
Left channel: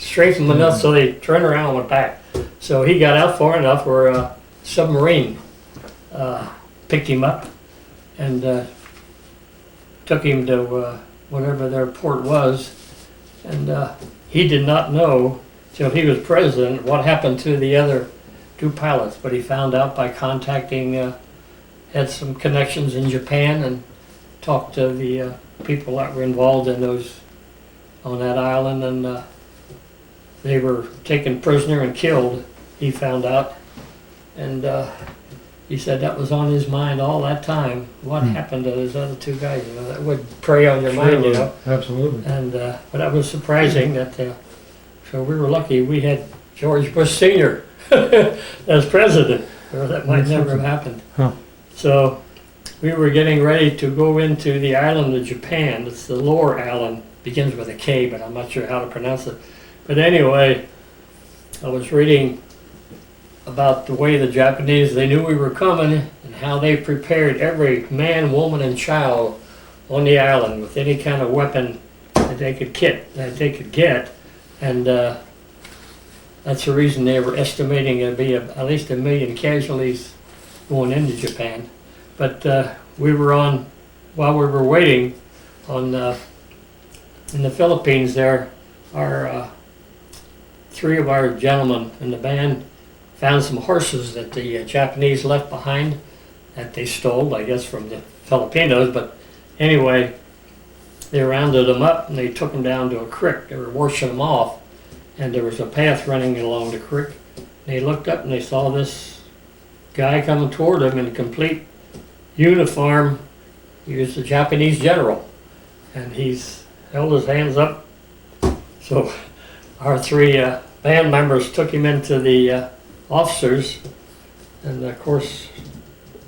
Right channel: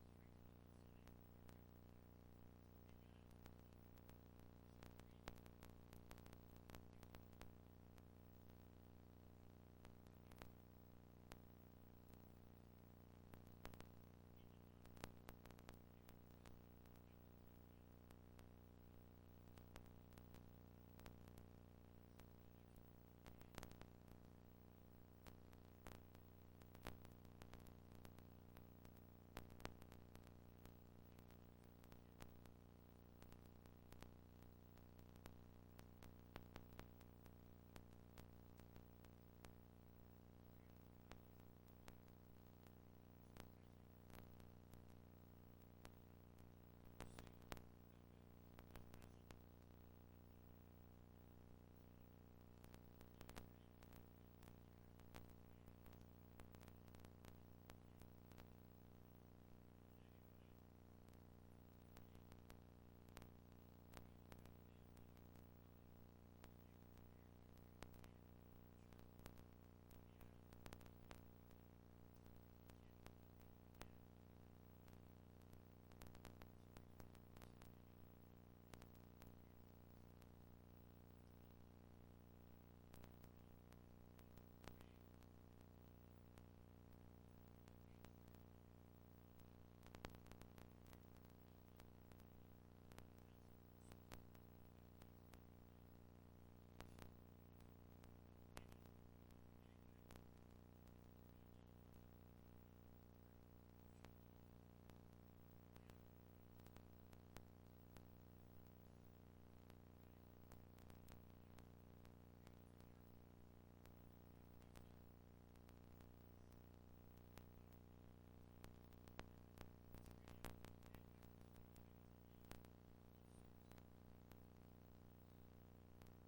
enough, so they turned around and went back. So he got out far enough where a submarine picked him up and took him to whatever their port was, and he did not know till he was president what happened to the other two pilots, but he found out by contacting, had some connections in Japan, and talked to the people that were involved in those on that island, and they were taken prisoner and killed, he found out, and he said that was on his mind all that time. What happened to those other two guys? You know, that would prey on your mind, you know. Absolutely. And but that was surprising that. So we were lucky we had George Bush Sr. as president, or that might never have happened. Huh. So we were getting ready to go into the island of Japan. It's the lower island, begins with a K, but I'm not sure how to pronounce it. But anyway, I was reading about the way the Japanese, they knew we were coming, and how they prepared every man, woman, and child on the island with any kind of weapon that they could get, and that's the reason they were estimating it'd be at least 1 million casualties going into Japan. But we were on, while we were waiting on in the Philippines there, our 3 of our gentlemen in the band found some horses that the Japanese left behind that they stole, I guess, from the Filipinos. But anyway, they rounded them up and they took them down to a creek. They were washing them off, and there was a path running along the creek. They looked up and they saw this guy coming toward them in a complete uniform. He was a Japanese general, and he's held his hands up. So our 3 band members took him into the officers, and of course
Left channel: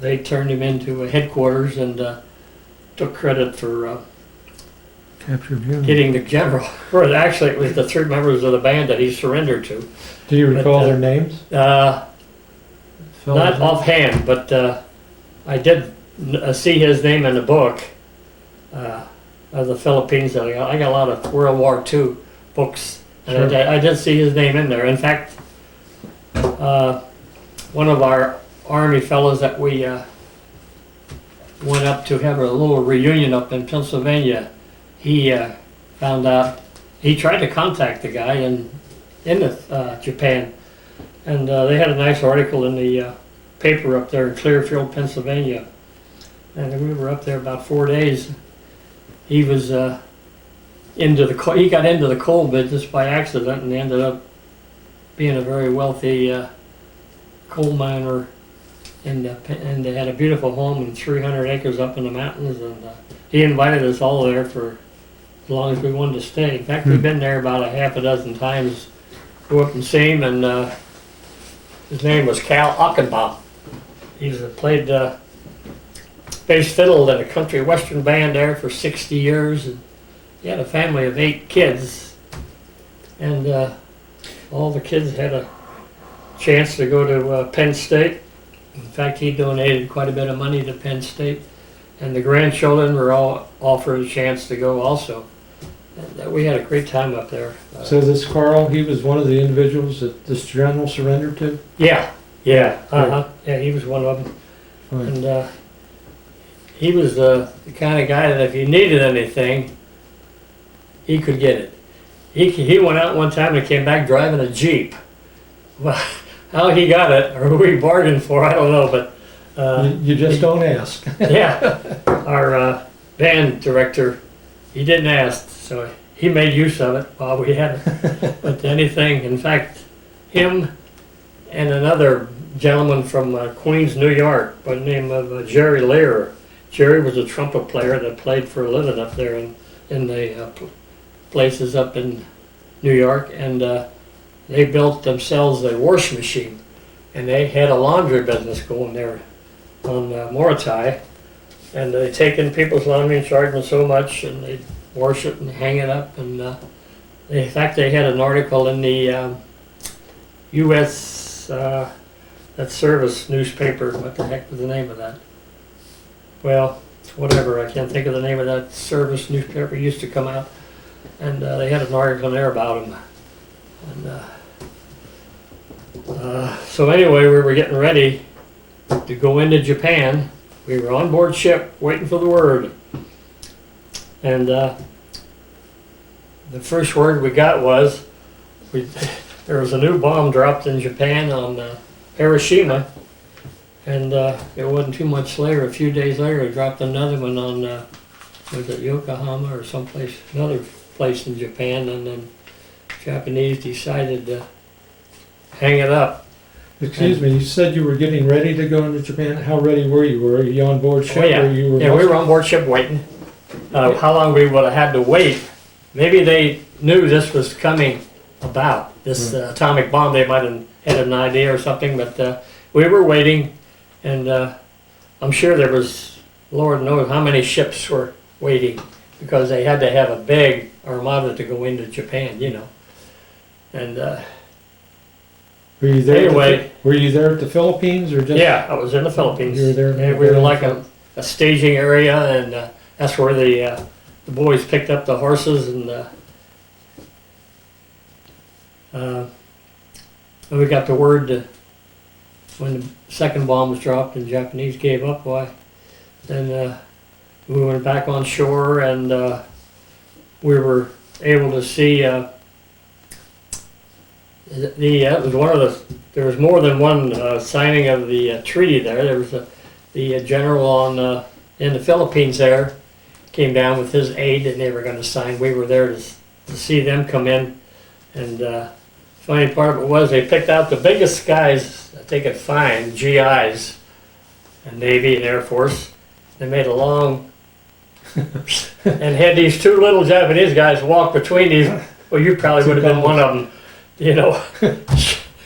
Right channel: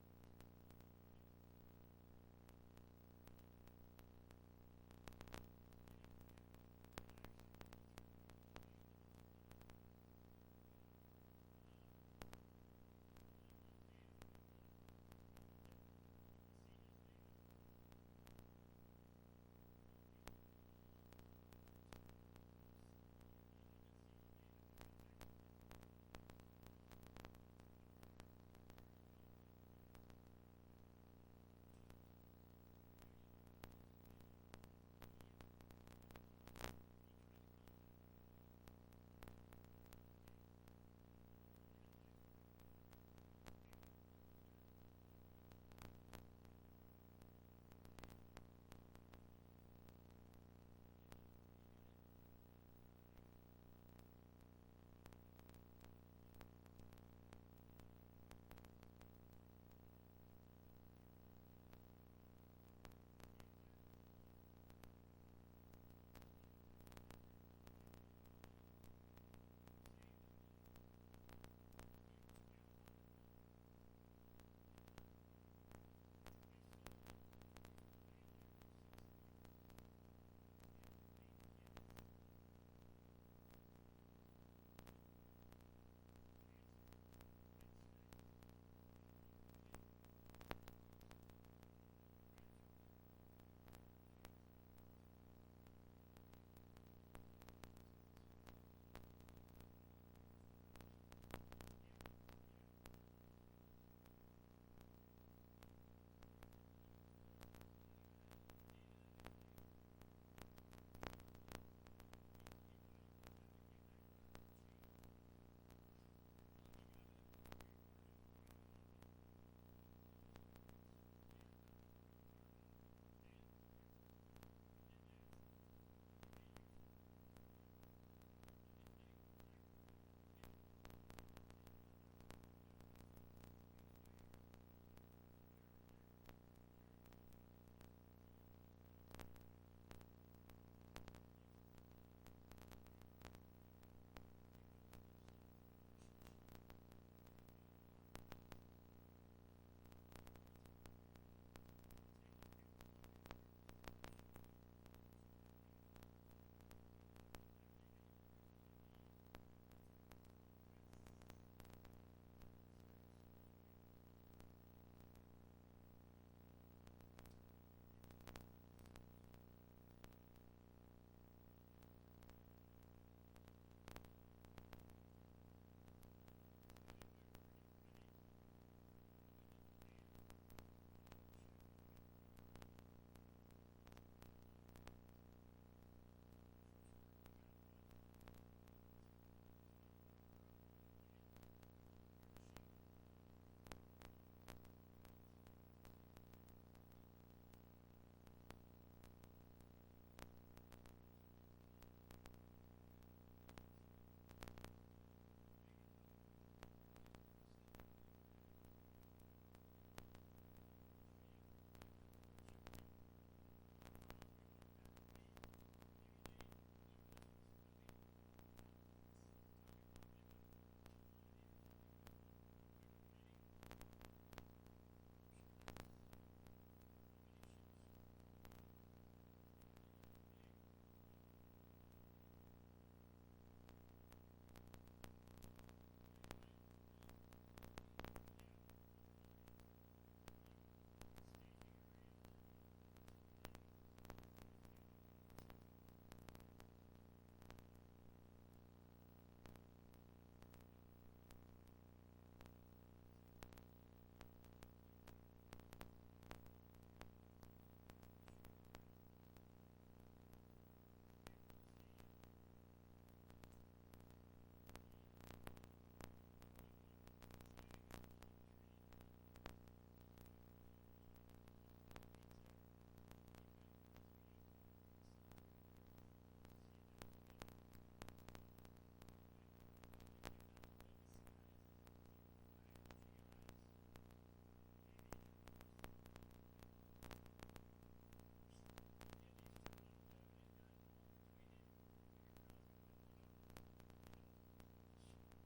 they turned him into a headquarters and took credit for getting the general. Or actually, it was the 3 members of the band that he surrendered to. Do you recall their names? Not offhand, but I did see his name in the book of the Philippines. I got a lot of World War II books, and Sure. I did see his name in there. In fact, one of our Army fellows that we went up to have a little reunion up in Pennsylvania, he found out, he tried to contact the guy in Japan, and they had a nice article in the paper up there in Clearfield, Pennsylvania, and we were up there about 4 days. He was he got into the coal business by accident and ended up being a very wealthy coal miner, and they had a beautiful home and 300 acres up in the mountains, and he invited us all there for as long as we wanted to stay. In fact, we've been there about a half a dozen times, go up and see him, and his name was Cal Ockenbaum. Played bass fiddle in a country western band there for 60 years. And he had a family of 8 kids, and all the kids had a chance to go to Penn State. In fact, he donated quite a bit of money to Penn State, and the grandchildren were all offered a chance to go also. And we had a great time up there. So this Carl, he was one of the individuals that this general surrendered to? Yeah, he was one of them. Right. And he was the kind of guy that if he needed anything, he could get it. He went out one time and came back driving a Jeep. Well, how he got it, or who he bargained for, I don't know, but... You just don't ask. Yeah, our band director, he didn't ask, so he made use of it while we had it. But anything, in fact, him and another gentleman from Queens, New York, by the name of Jerry Lear. Jerry was a trumpet player that played for a living up there in the places up in New York, and they built themselves a wash machine, and they had a laundry business going there on Moratorium, and they take in people's laundry and charge them so much, and they wash it and hang it up, and in fact they had an article in the U.S. That service newspaper. What the heck was the name of that? Well, whatever, I can't think of the name of that service newspaper. It used to come out, and they had an article there about him. And so anyway, we were getting ready to go into Japan. We were on board ship waiting for the word, and the first word we got was there was a new bomb dropped in Japan on Hiroshima, and it wasn't too much later, a few days later, it dropped another one on was it Yokohama or someplace, another place in Japan, and then Japanese decided to hang it up. Excuse me, you said you were getting ready to go into Japan. How ready were you? Were you on board ship? Oh, yeah. Or you were Yeah, we were on board ship waiting. How long we would have had to wait. Maybe they knew this was coming about, this atomic bomb. They might have had an idea or something, but we were waiting, and I'm sure there was, Lord knows how many ships were waiting, because they had to have a big armada to go into Japan, you know. And Were you there? anyway, Were you there at the Philippines or just? yeah, I was in the Philippines. You were there. And we were like a staging area, and that's where the boys picked up the horses, and we got the word to, when the second bomb was dropped and Japanese gave up, why, then we went back on shore, and we were able to see it was one of there was more than one signing of the treaty there. There was the general on in the Philippines there came down with his aide, and they were going to sign. We were there to see them come in, and funny part of it was they picked out the biggest guys that they could find, GIs, and Navy and Air Force. They made a long and had these 2 little Japanese guys walk between these. Well, you probably would have been one of them, you know.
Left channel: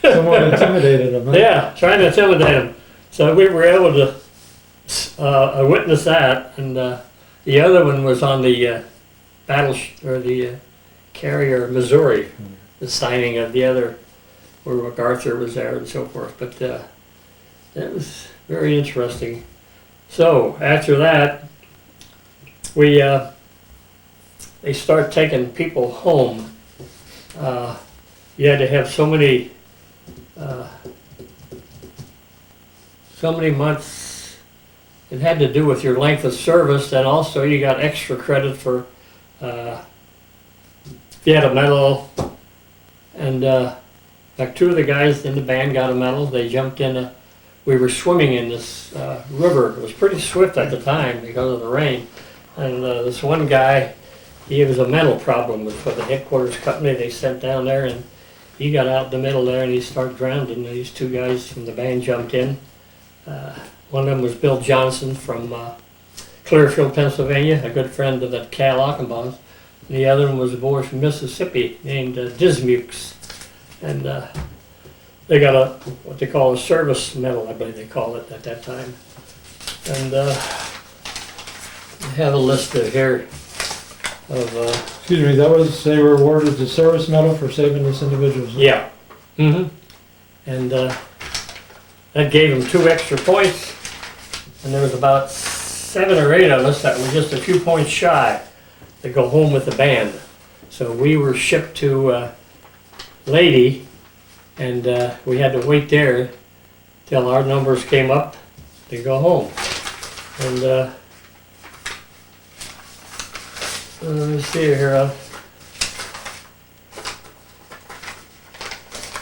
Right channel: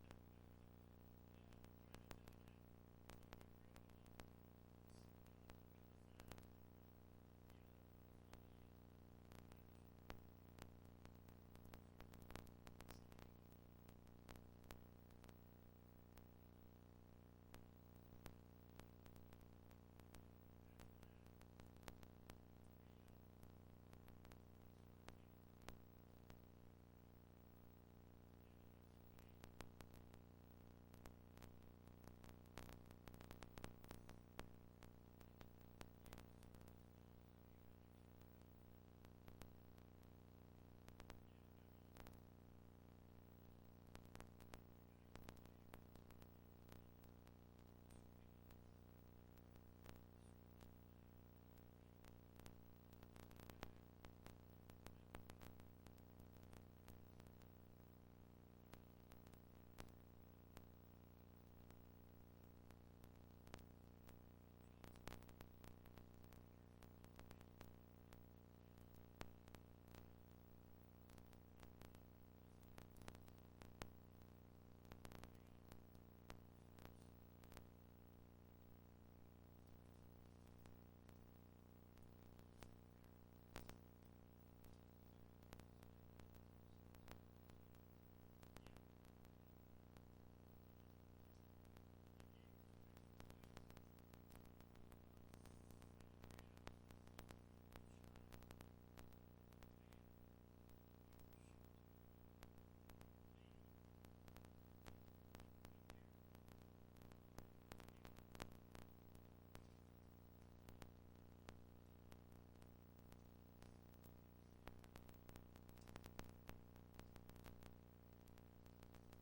Someone intimidated them. Huh? Yeah, trying to intimidate them. So we were able to witness that, and the other one was on the the carrier Missouri, the signing of the other, where MacArthur was there and so forth. But that was very interesting. So after that, they start taking people home. You had to have so many months. It had to do with your length of service, and also you got extra credit for if you had a medal. And like 2 of the guys in the band got a medal. They jumped in. We were swimming in this river. It was pretty swift at the time because of the rain. And this one guy, he was a mental problem for the headquarters company they sent down there, and he got out in the middle there and he started drowning. And these 2 guys from the band jumped in. One of them was Bill Johnson from Clearfield, Pennsylvania, a good friend of that Cal Ockenbaum. The other one was a boy from Mississippi named Dismukes. And they got what they call a service medal, I believe they called it at that time. And I have a list of here of, Excuse me, they were awarded the service medal for saving this individual's life. yeah. And that gave them 2 extra points. And there was about 7 or 8 of us that were just a few points shy to go home with the band. So we were shipped to Lady, and we had to wait there till our numbers came up to go home. And let me see here.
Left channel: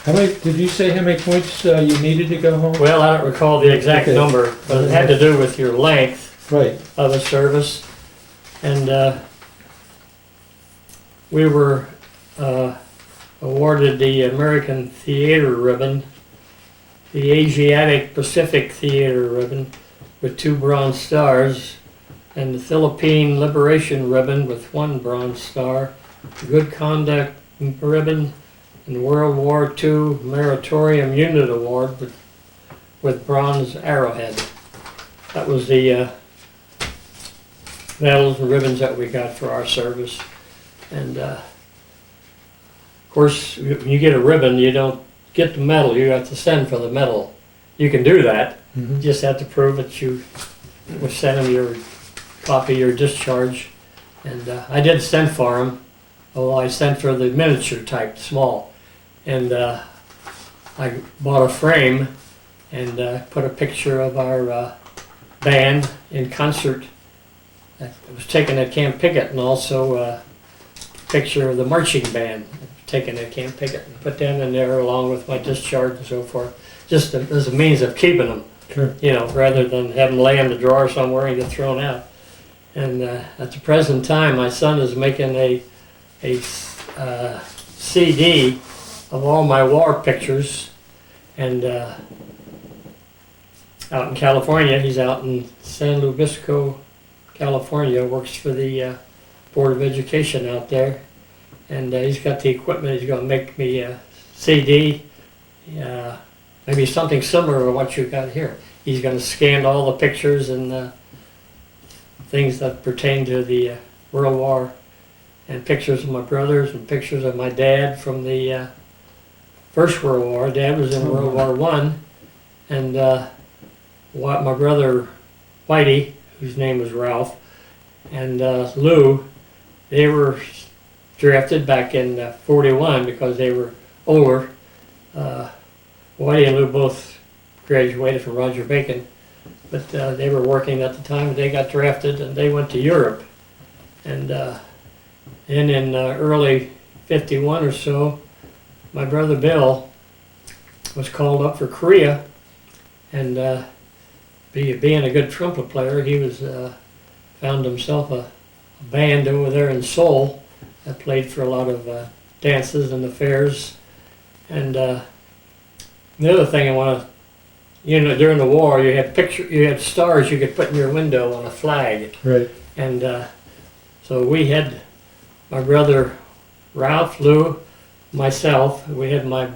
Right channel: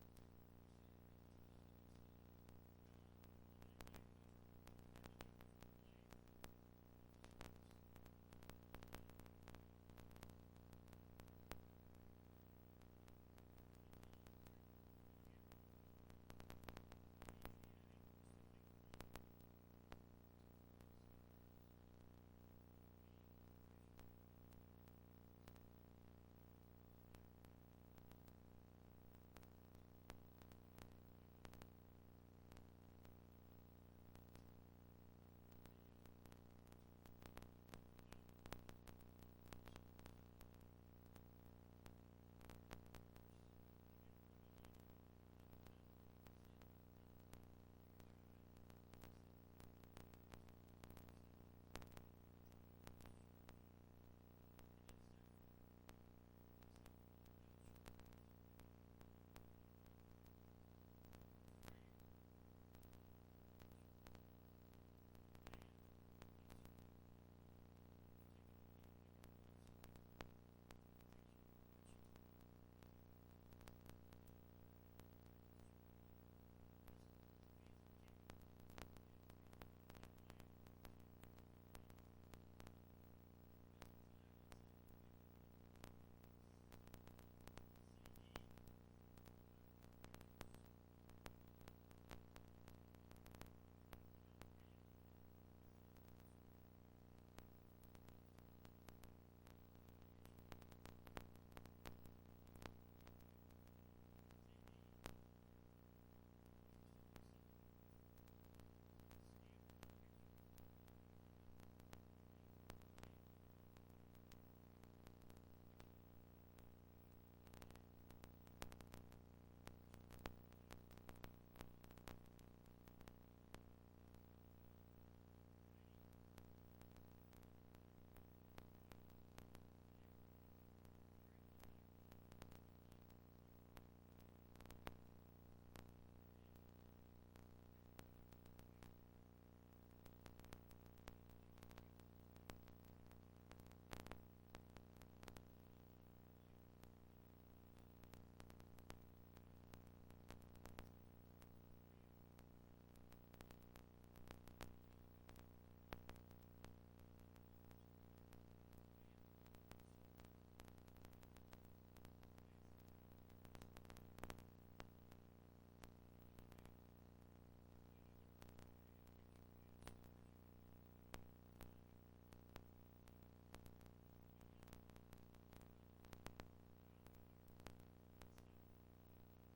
Did you say how many points you needed to go home? Well, I don't recall the exact Okay. number, but it had to do with your length Right. of a service. And we were awarded the American Theater Ribbon, the Asiatic Pacific Theater Ribbon with 2 bronze stars, and the Philippine Liberation Ribbon with 1 bronze star, Good Conduct Ribbon, and World War II Moratorium Unit Award with bronze arrowhead. That was the medals and ribbons that we got for our service. And of course, when you get a ribbon, you don't get the medal, you have to send for the medal. You can do that, you just have to prove that you will send them your copy of your discharge. And I did send for them, although I sent for the miniature type, small. And I bought a frame and put a picture of our band in concert. It was taken at Camp Pickett, and also a picture of the marching band taken at Camp Pickett, and put them in there along with my discharge and so forth, just as a means of keeping them, Sure. you know, rather than have them lay in the drawer somewhere and get thrown out. And at the present time, my son is making a CD of all my war pictures, and out in California, he's out in San Luis Obispo, California, works for the Board of Education out there, and he's got the equipment. He's going to make me a CD, maybe something similar to what you got here. He's going to scan all the pictures and things that pertain to the World War, and pictures of my brothers and pictures of my dad from the First World War. Dad was in World War I, and my brother Whitey, whose name was Ralph, and Lou, they were drafted back in 41 because they were older. Whitey and Lou both graduated from Roger Bacon, but they were working at the time. They got drafted and they went to Europe. And then in early 51 or so, my brother Bill was called up for Korea, and being a good trumpet player, he was found himself a band over there in Seoul that played for a lot of dances and the fairs. And the other thing I want to, you know, during the war, you had stars you could put in your window on a flag. Right. And so we had my brother Ralph, Lou, myself. We had my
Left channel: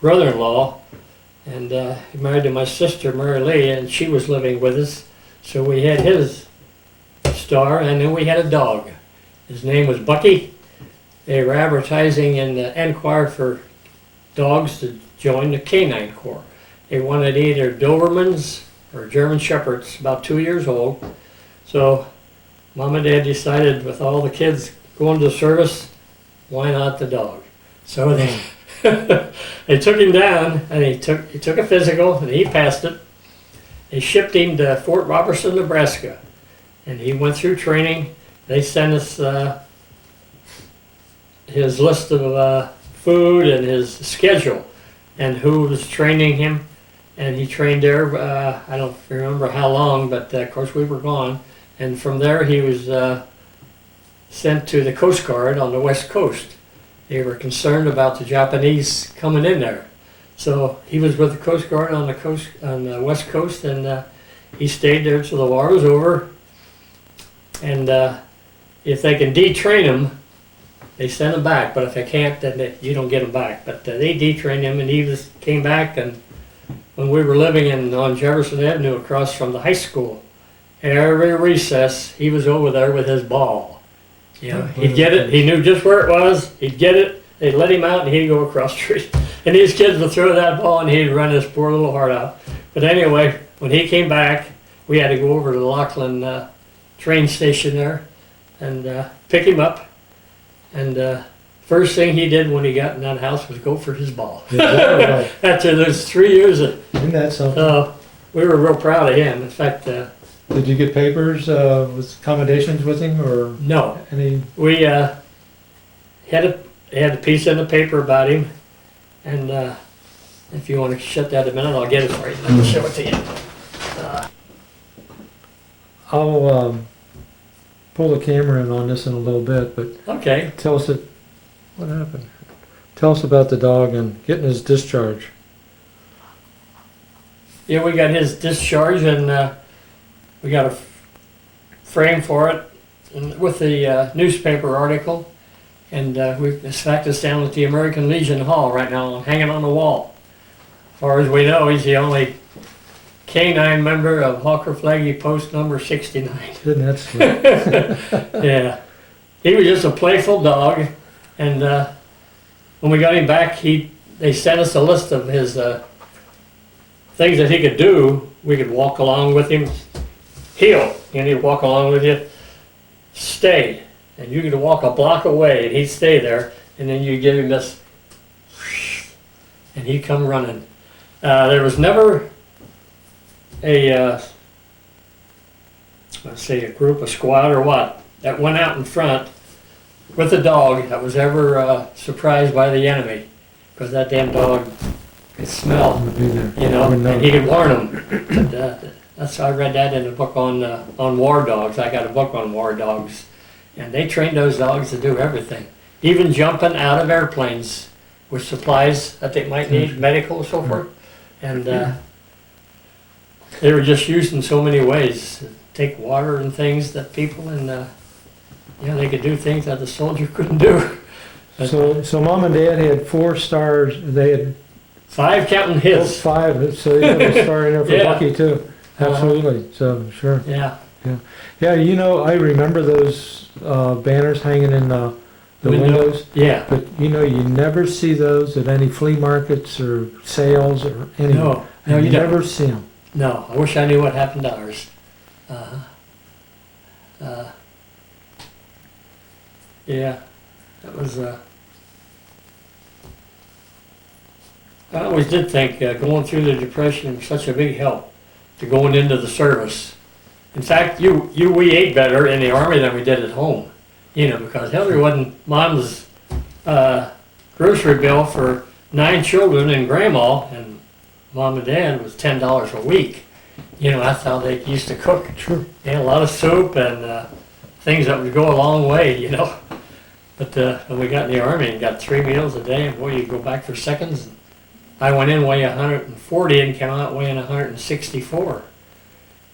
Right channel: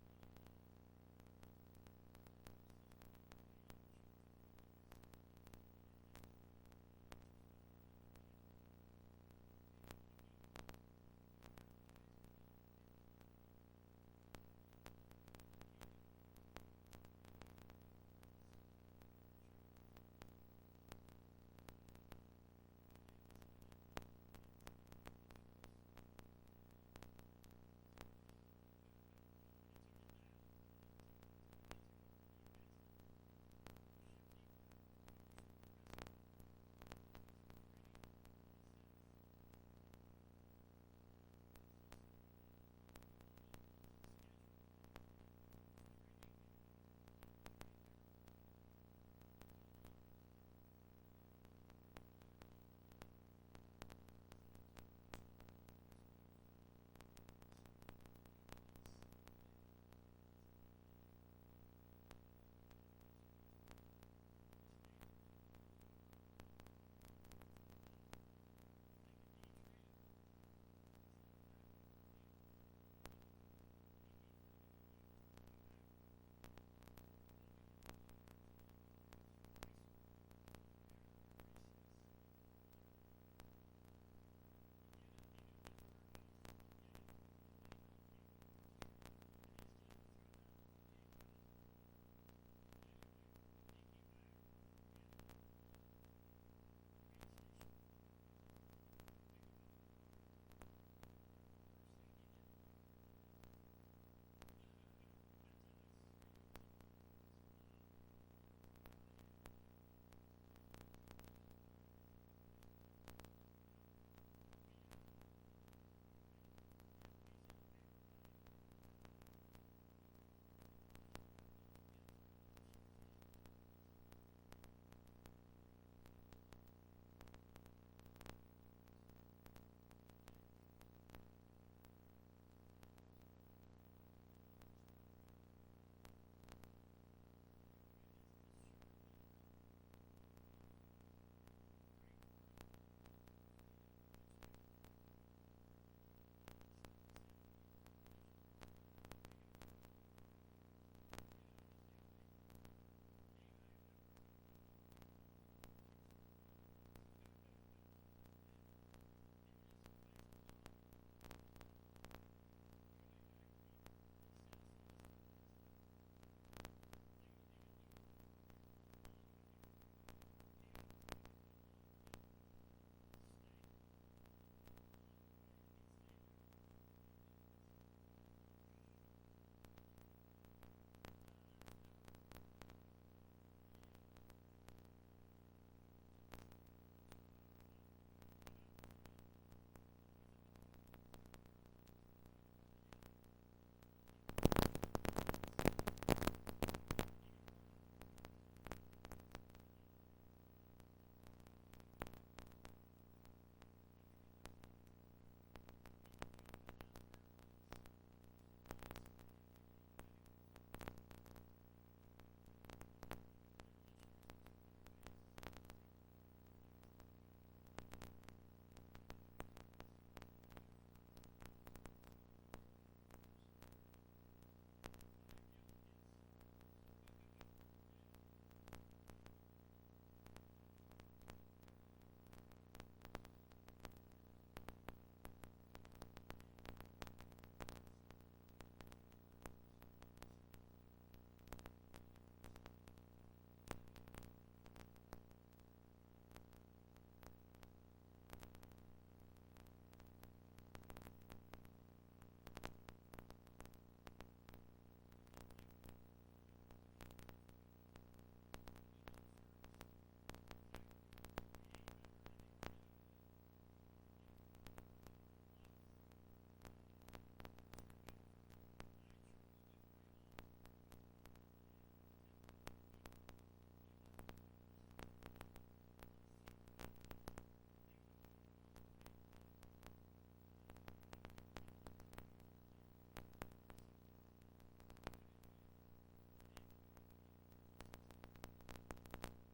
brother-in-law, and he married to my sister Mary Lee, and she was living with us. So we had his star, and then we had a dog. His name was Bucky. They were advertising in the Enquirer for dogs to join the Canine Corps. They wanted either Dobermans or German Shepherds, about 2 years old. So Mom and Dad decided, with all the kids going to service, why not the dog? So they they took him down, and he took a physical, and he passed it. They shipped him to Fort Robertson, Nebraska, and he went through training. They sent us his list of food and his schedule and who was training him, and he trained there. I don't remember how long, but of course we were gone. And from there he was sent to the Coast Guard on the West Coast. They were concerned about the Japanese coming in there. So he was with the Coast Guard on the West Coast, and he stayed there till the war was over. And if they can detrain him, they send him back, but if they can't, then you don't get him back. But they detrained him, and he came back, and when we were living on Jefferson Avenue across from the high school, every recess, he was over there with his ball. You know, he'd get it, he knew just where it was, he'd get it, they'd let him out, and he'd go across the street. And these kids would throw that ball, and he'd run his poor little heart out. But anyway, when he came back, we had to go over to the Lachlan train station there and pick him up. And first thing he did when he got in that house was go for his ball. Yeah, After those 3 years, isn't that something? we were real proud of him. In fact, Did you get papers with accommodations with him, or no, any? we had a piece in the paper about him, and if you want to shut that a minute, I'll get it for you. Let me show it to you. I'll pull the camera in on this in a little bit, but Okay. tell us what happened. Tell us about the dog and getting his discharge. Yeah, we got his discharge, and we got a frame for it and with the newspaper article. And in fact, it's down at the American Legion Hall right now, hanging on the wall. As far as we know, he's the only canine member of Hawker Flaggy Post number 69. Isn't that sweet? Yeah, he was just a playful dog, and when we got him back, they sent us a list of his things that he could do. We could walk along with him, heel, and he'd walk along with you, stay, and you could walk a block away, and he'd stay there, and then you give him this, and he'd come running. There was never a let's say a group, a squad or what, that went out in front with a dog that was ever surprised by the enemy, because that damn dog could smell, you know, and he could warn them. But, that's I read that in a book on war dogs. I got a book on war dogs, and they trained those dogs to do everything, even jumping out of airplanes with supplies that they might need, medical and so forth, and they were just used in so many ways. To take water and things that people they could do things that the soldier couldn't do. But So mom and dad had 4 stars. They had 5 counting his. 5, so they had a star in there for Yeah. Bucky too. Absolutely. So sure. Yeah. Yeah, you know, I remember those banners hanging in the windows. Yeah. But you know, you never see those at any flea markets or sales or anywhere. No, you don't. never see them. No, I wish I knew what happened to ours. Yeah, that was. I always did think going through the Depression was such a big help to going into the service. In fact, we ate better in the Army than we did at home. You know, because hell, there wasn't Mom's grocery bill for 9 children and Grandma, and Mom and Dad was $10 a week. You know, that's how they used to cook. Sure. They had a lot of soup and things that would go a long way, you know. But when we got in the Army and got 3 meals a day, and boy, you go back for seconds. I went in weighing 140 and came out weighing 164.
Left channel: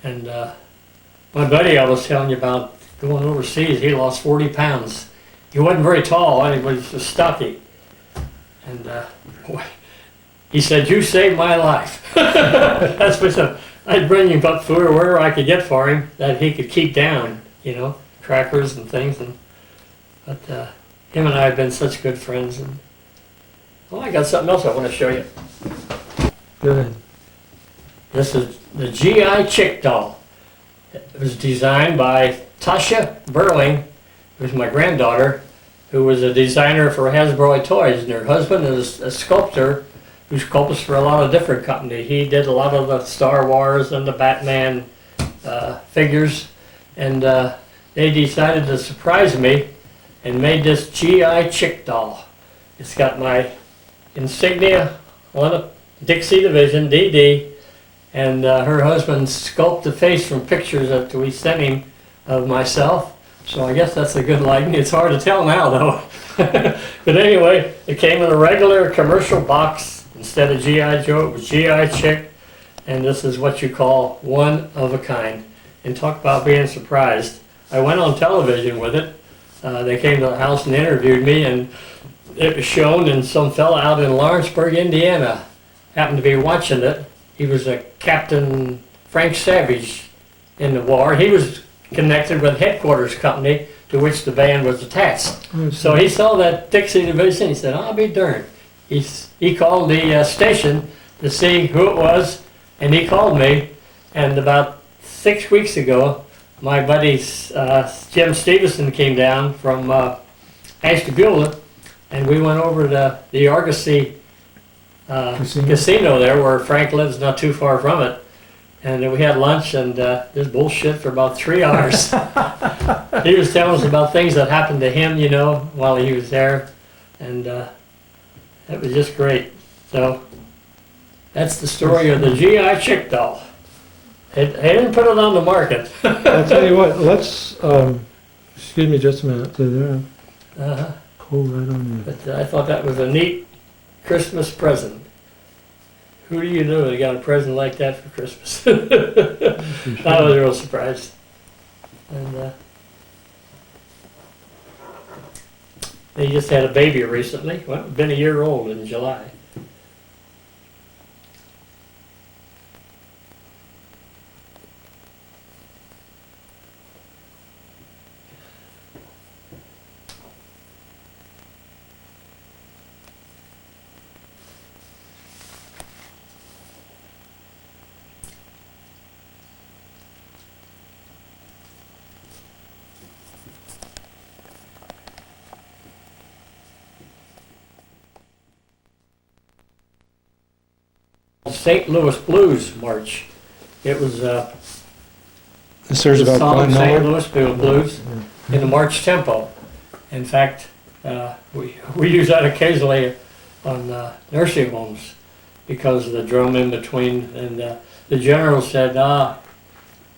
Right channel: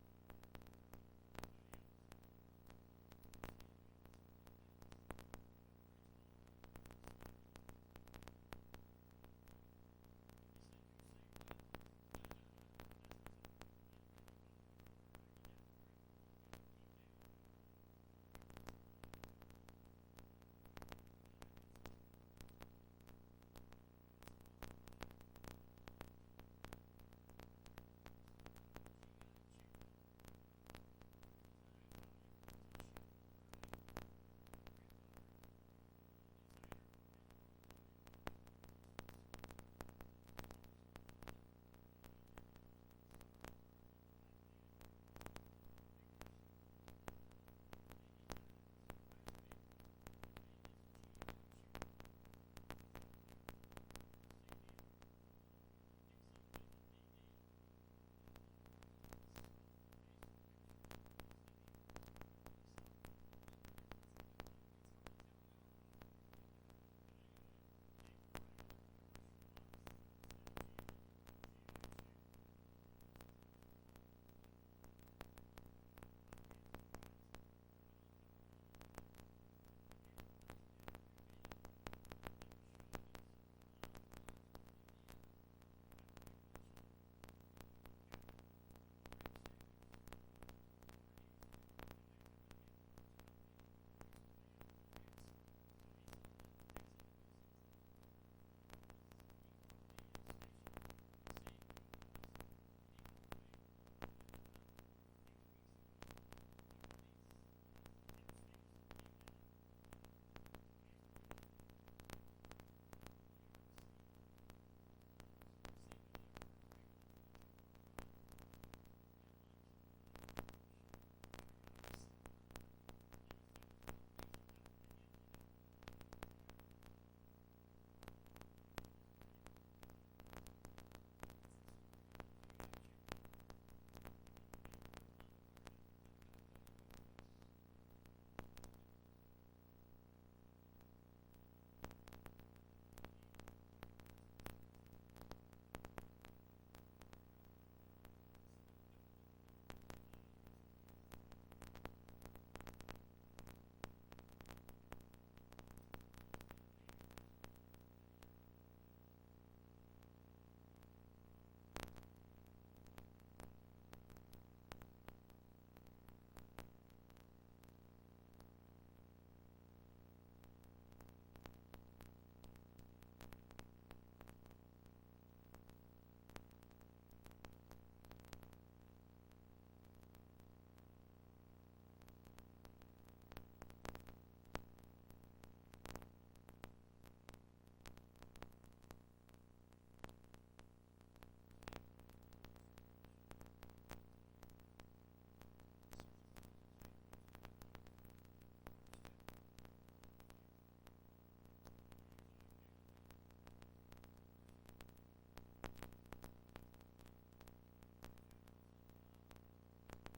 And my buddy I was telling you about going overseas, he lost 40 pounds. He wasn't very tall, he was just stocky. And boy, he said, "You saved my life." That's what I'd bring him up food or wherever I could get for him that he could keep down, you know, crackers and things. But him and I have been such good friends. And I got something else I want to show you. Good. This is the GI Chick doll. It was designed by Tasha Burling, who's my granddaughter, who was a designer for Hasbro Toys, and her husband is a sculptor who sculpts for a lot of different companies. He did a lot of the Star Wars and the Batman figures, and they decided to surprise me and made this GI Chick doll. It's got my insignia on a Dixie Division, DD, and her husband sculpted the face from pictures that we sent him of myself. So I guess that's a good lighting. It's hard to tell now though. But anyway, it came in a regular commercial box. Instead of G.I. Joe, it was G.I. Chick. And this is what you call one of a kind. And talk about being surprised. I went on television with it They came to the house and interviewed me, and it was shown, and some fella out in Lawrenceburg, Indiana, happened to be watching it. He was a Captain Frank Savage in the war. He was connected with headquarters company to which the band was attached. So he saw that Dixie division. He said, "I'll be darned." He called the station to see who it was, and he called me. And about 6 weeks ago, my buddy Jim Stevenson came down from Ashtabula, and we went over to the Argosy casino there, where Frank lives, not too far from it. And we had lunch, and just bullshit for about 3 hours. He was telling us about things that happened to him, you know, while he was there, and it was just great. So that's the story of the GI Chick doll. They didn't put it on the market. I'll tell you what, let's, excuse me just a minute. Hold right on there. But I thought that was a neat Christmas present. Who do you know that got a present like that for Christmas? I was real surprised. And they just had a baby recently. Well, been a year old in July. St. Louis Blues March. It was This there's the about song Glenn St. Miller. Louis Blues in the march tempo. In fact, we use that occasionally on nursing homes because of the drum in between. And the general said,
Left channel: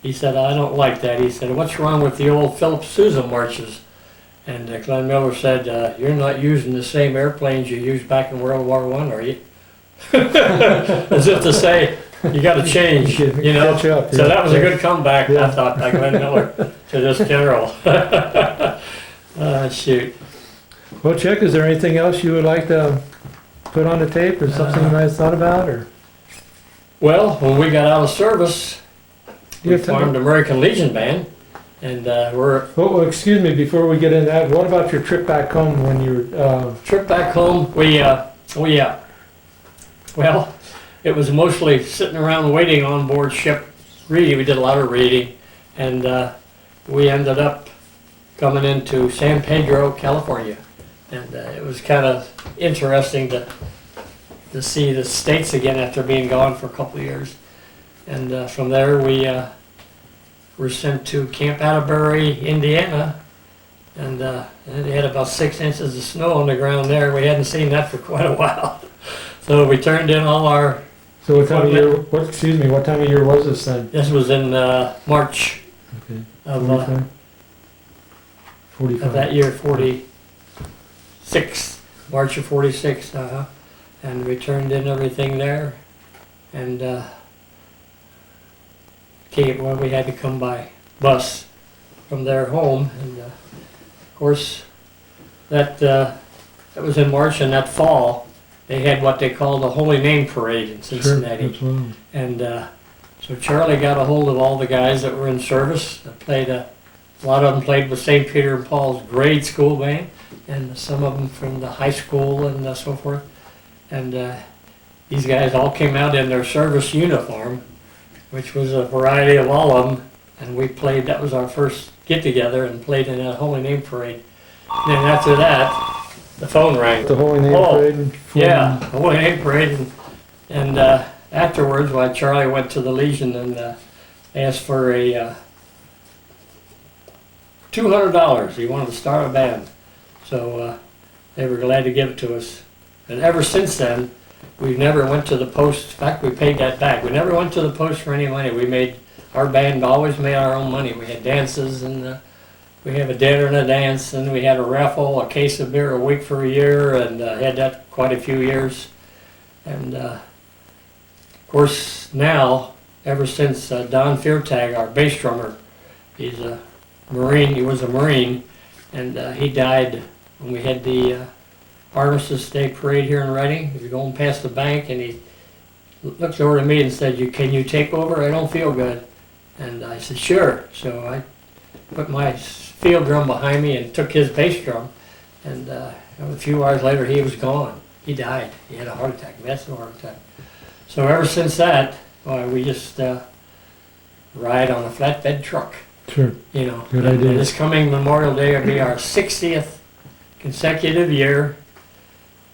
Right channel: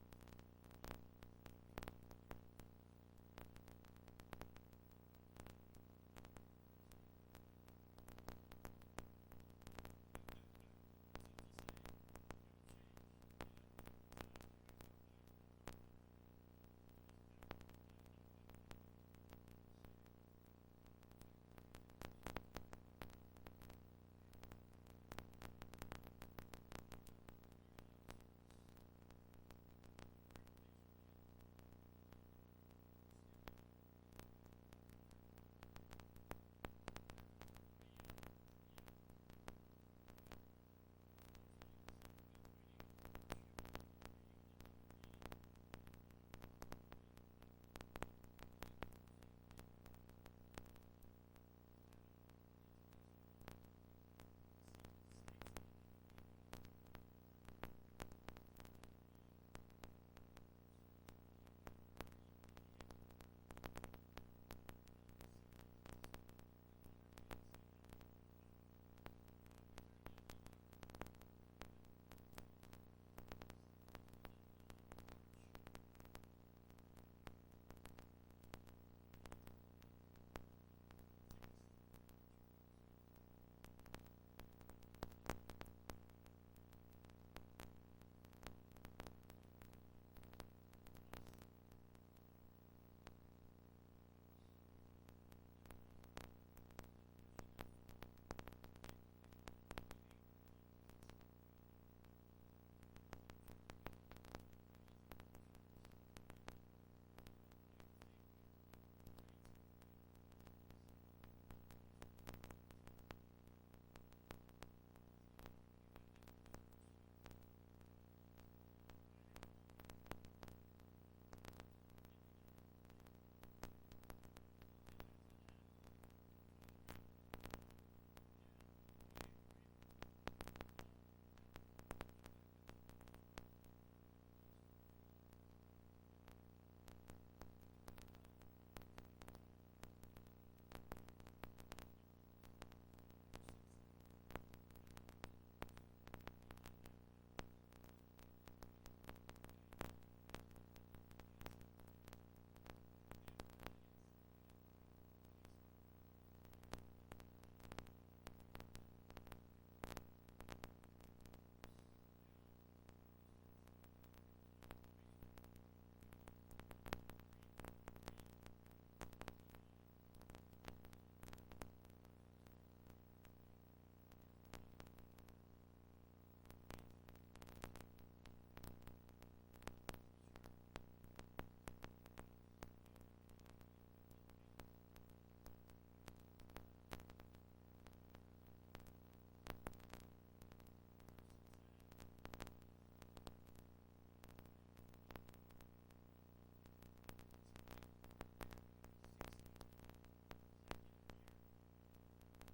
he said, "I don't like that." He said, "What's wrong with the old Philip Sousa marches?" And Glenn Miller said, "You're not using the same airplanes you used back in World War I, are you?" As if to say, you got to change, you know. Catch up, So yeah. that was a good comeback, Yeah. I thought, by Glenn Miller to this general. Shoot. Well, Chick, is there anything else you would like to put on the tape, or something you might have thought about, or? Well, when we got out of service, we Yeah, tell me. formed American Legion Band, and we're Oh, excuse me, before we get into that, what about your trip back home when you were, trip back home. Well, it was mostly sitting around waiting on board ship, reading. We did a lot of reading, and we ended up coming into San Pedro, California, and it was kind of interesting to see the States again after being gone for a couple of years. And from there we were sent to Camp Atterbury, Indiana, and they had about 6 inches of snow on the ground there. We hadn't seen that for quite a while. So we turned in all our, so what time of year, what time of year was this then? this was in March Okay. of 45? that year, 46, March of 46, and we turned in everything there, and we had to come by bus from their home, and of course, that was in March, and that fall, they had what they called the Holy Name Parade in Cincinnati. Sure, absolutely. And so Charlie got a hold of all the guys that were in service. That played a lot of them played with St. Peter and Paul's grade school band, and some of them from the high school and so forth. And these guys all came out in their service uniform, which was a variety of all of them. And we played. That was our first get together, and played in that Holy Name Parade. And then after that, the phone rang. The Holy Name Oh, Parade? And Yeah, Holy Name Parade, and afterwards, why Charlie went to the Legion and asked for a $200. He wanted to start a band, so they were glad to give it to us. And ever since then, we never went to the post. In fact, we paid that back. We never went to the post for any money. Our band always made our own money. We had dances, and we have a dinner and a dance, and we had a raffle, a case of beer a week for a year, and had that quite a few years. And of course now, ever since Don Feartag, our bass drummer, he's a Marine, he was a Marine, And he died when we had the Armistice Day parade here in Reading. He was going past the bank and he looked over to me and said, can you take over? I don't feel good. And I said, sure. So I put my field drum behind me and took his bass drum. And a few hours later, he was gone. He died. He had a heart attack, massive heart attack. So ever since that, we just ride on a flatbed truck. Sure. You know, Good and idea. this coming Memorial Day will be our 60th consecutive year.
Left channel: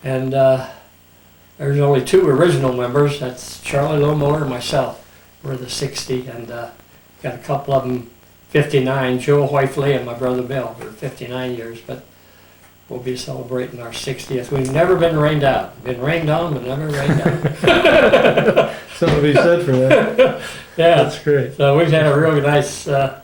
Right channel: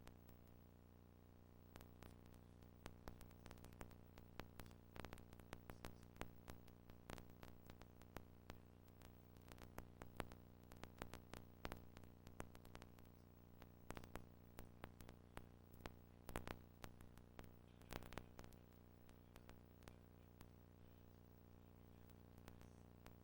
And there's only 2 original members. That's Charlie Lomower and myself. We're the 60, and got a couple of them 59, Joe Hoifley and my brother Bill. We're 59 years, but we'll be celebrating our 60th. We've never been rained out. Been rained on, but never rained out. Something to be said for that. Yeah. That's great. So we've had a really nice, of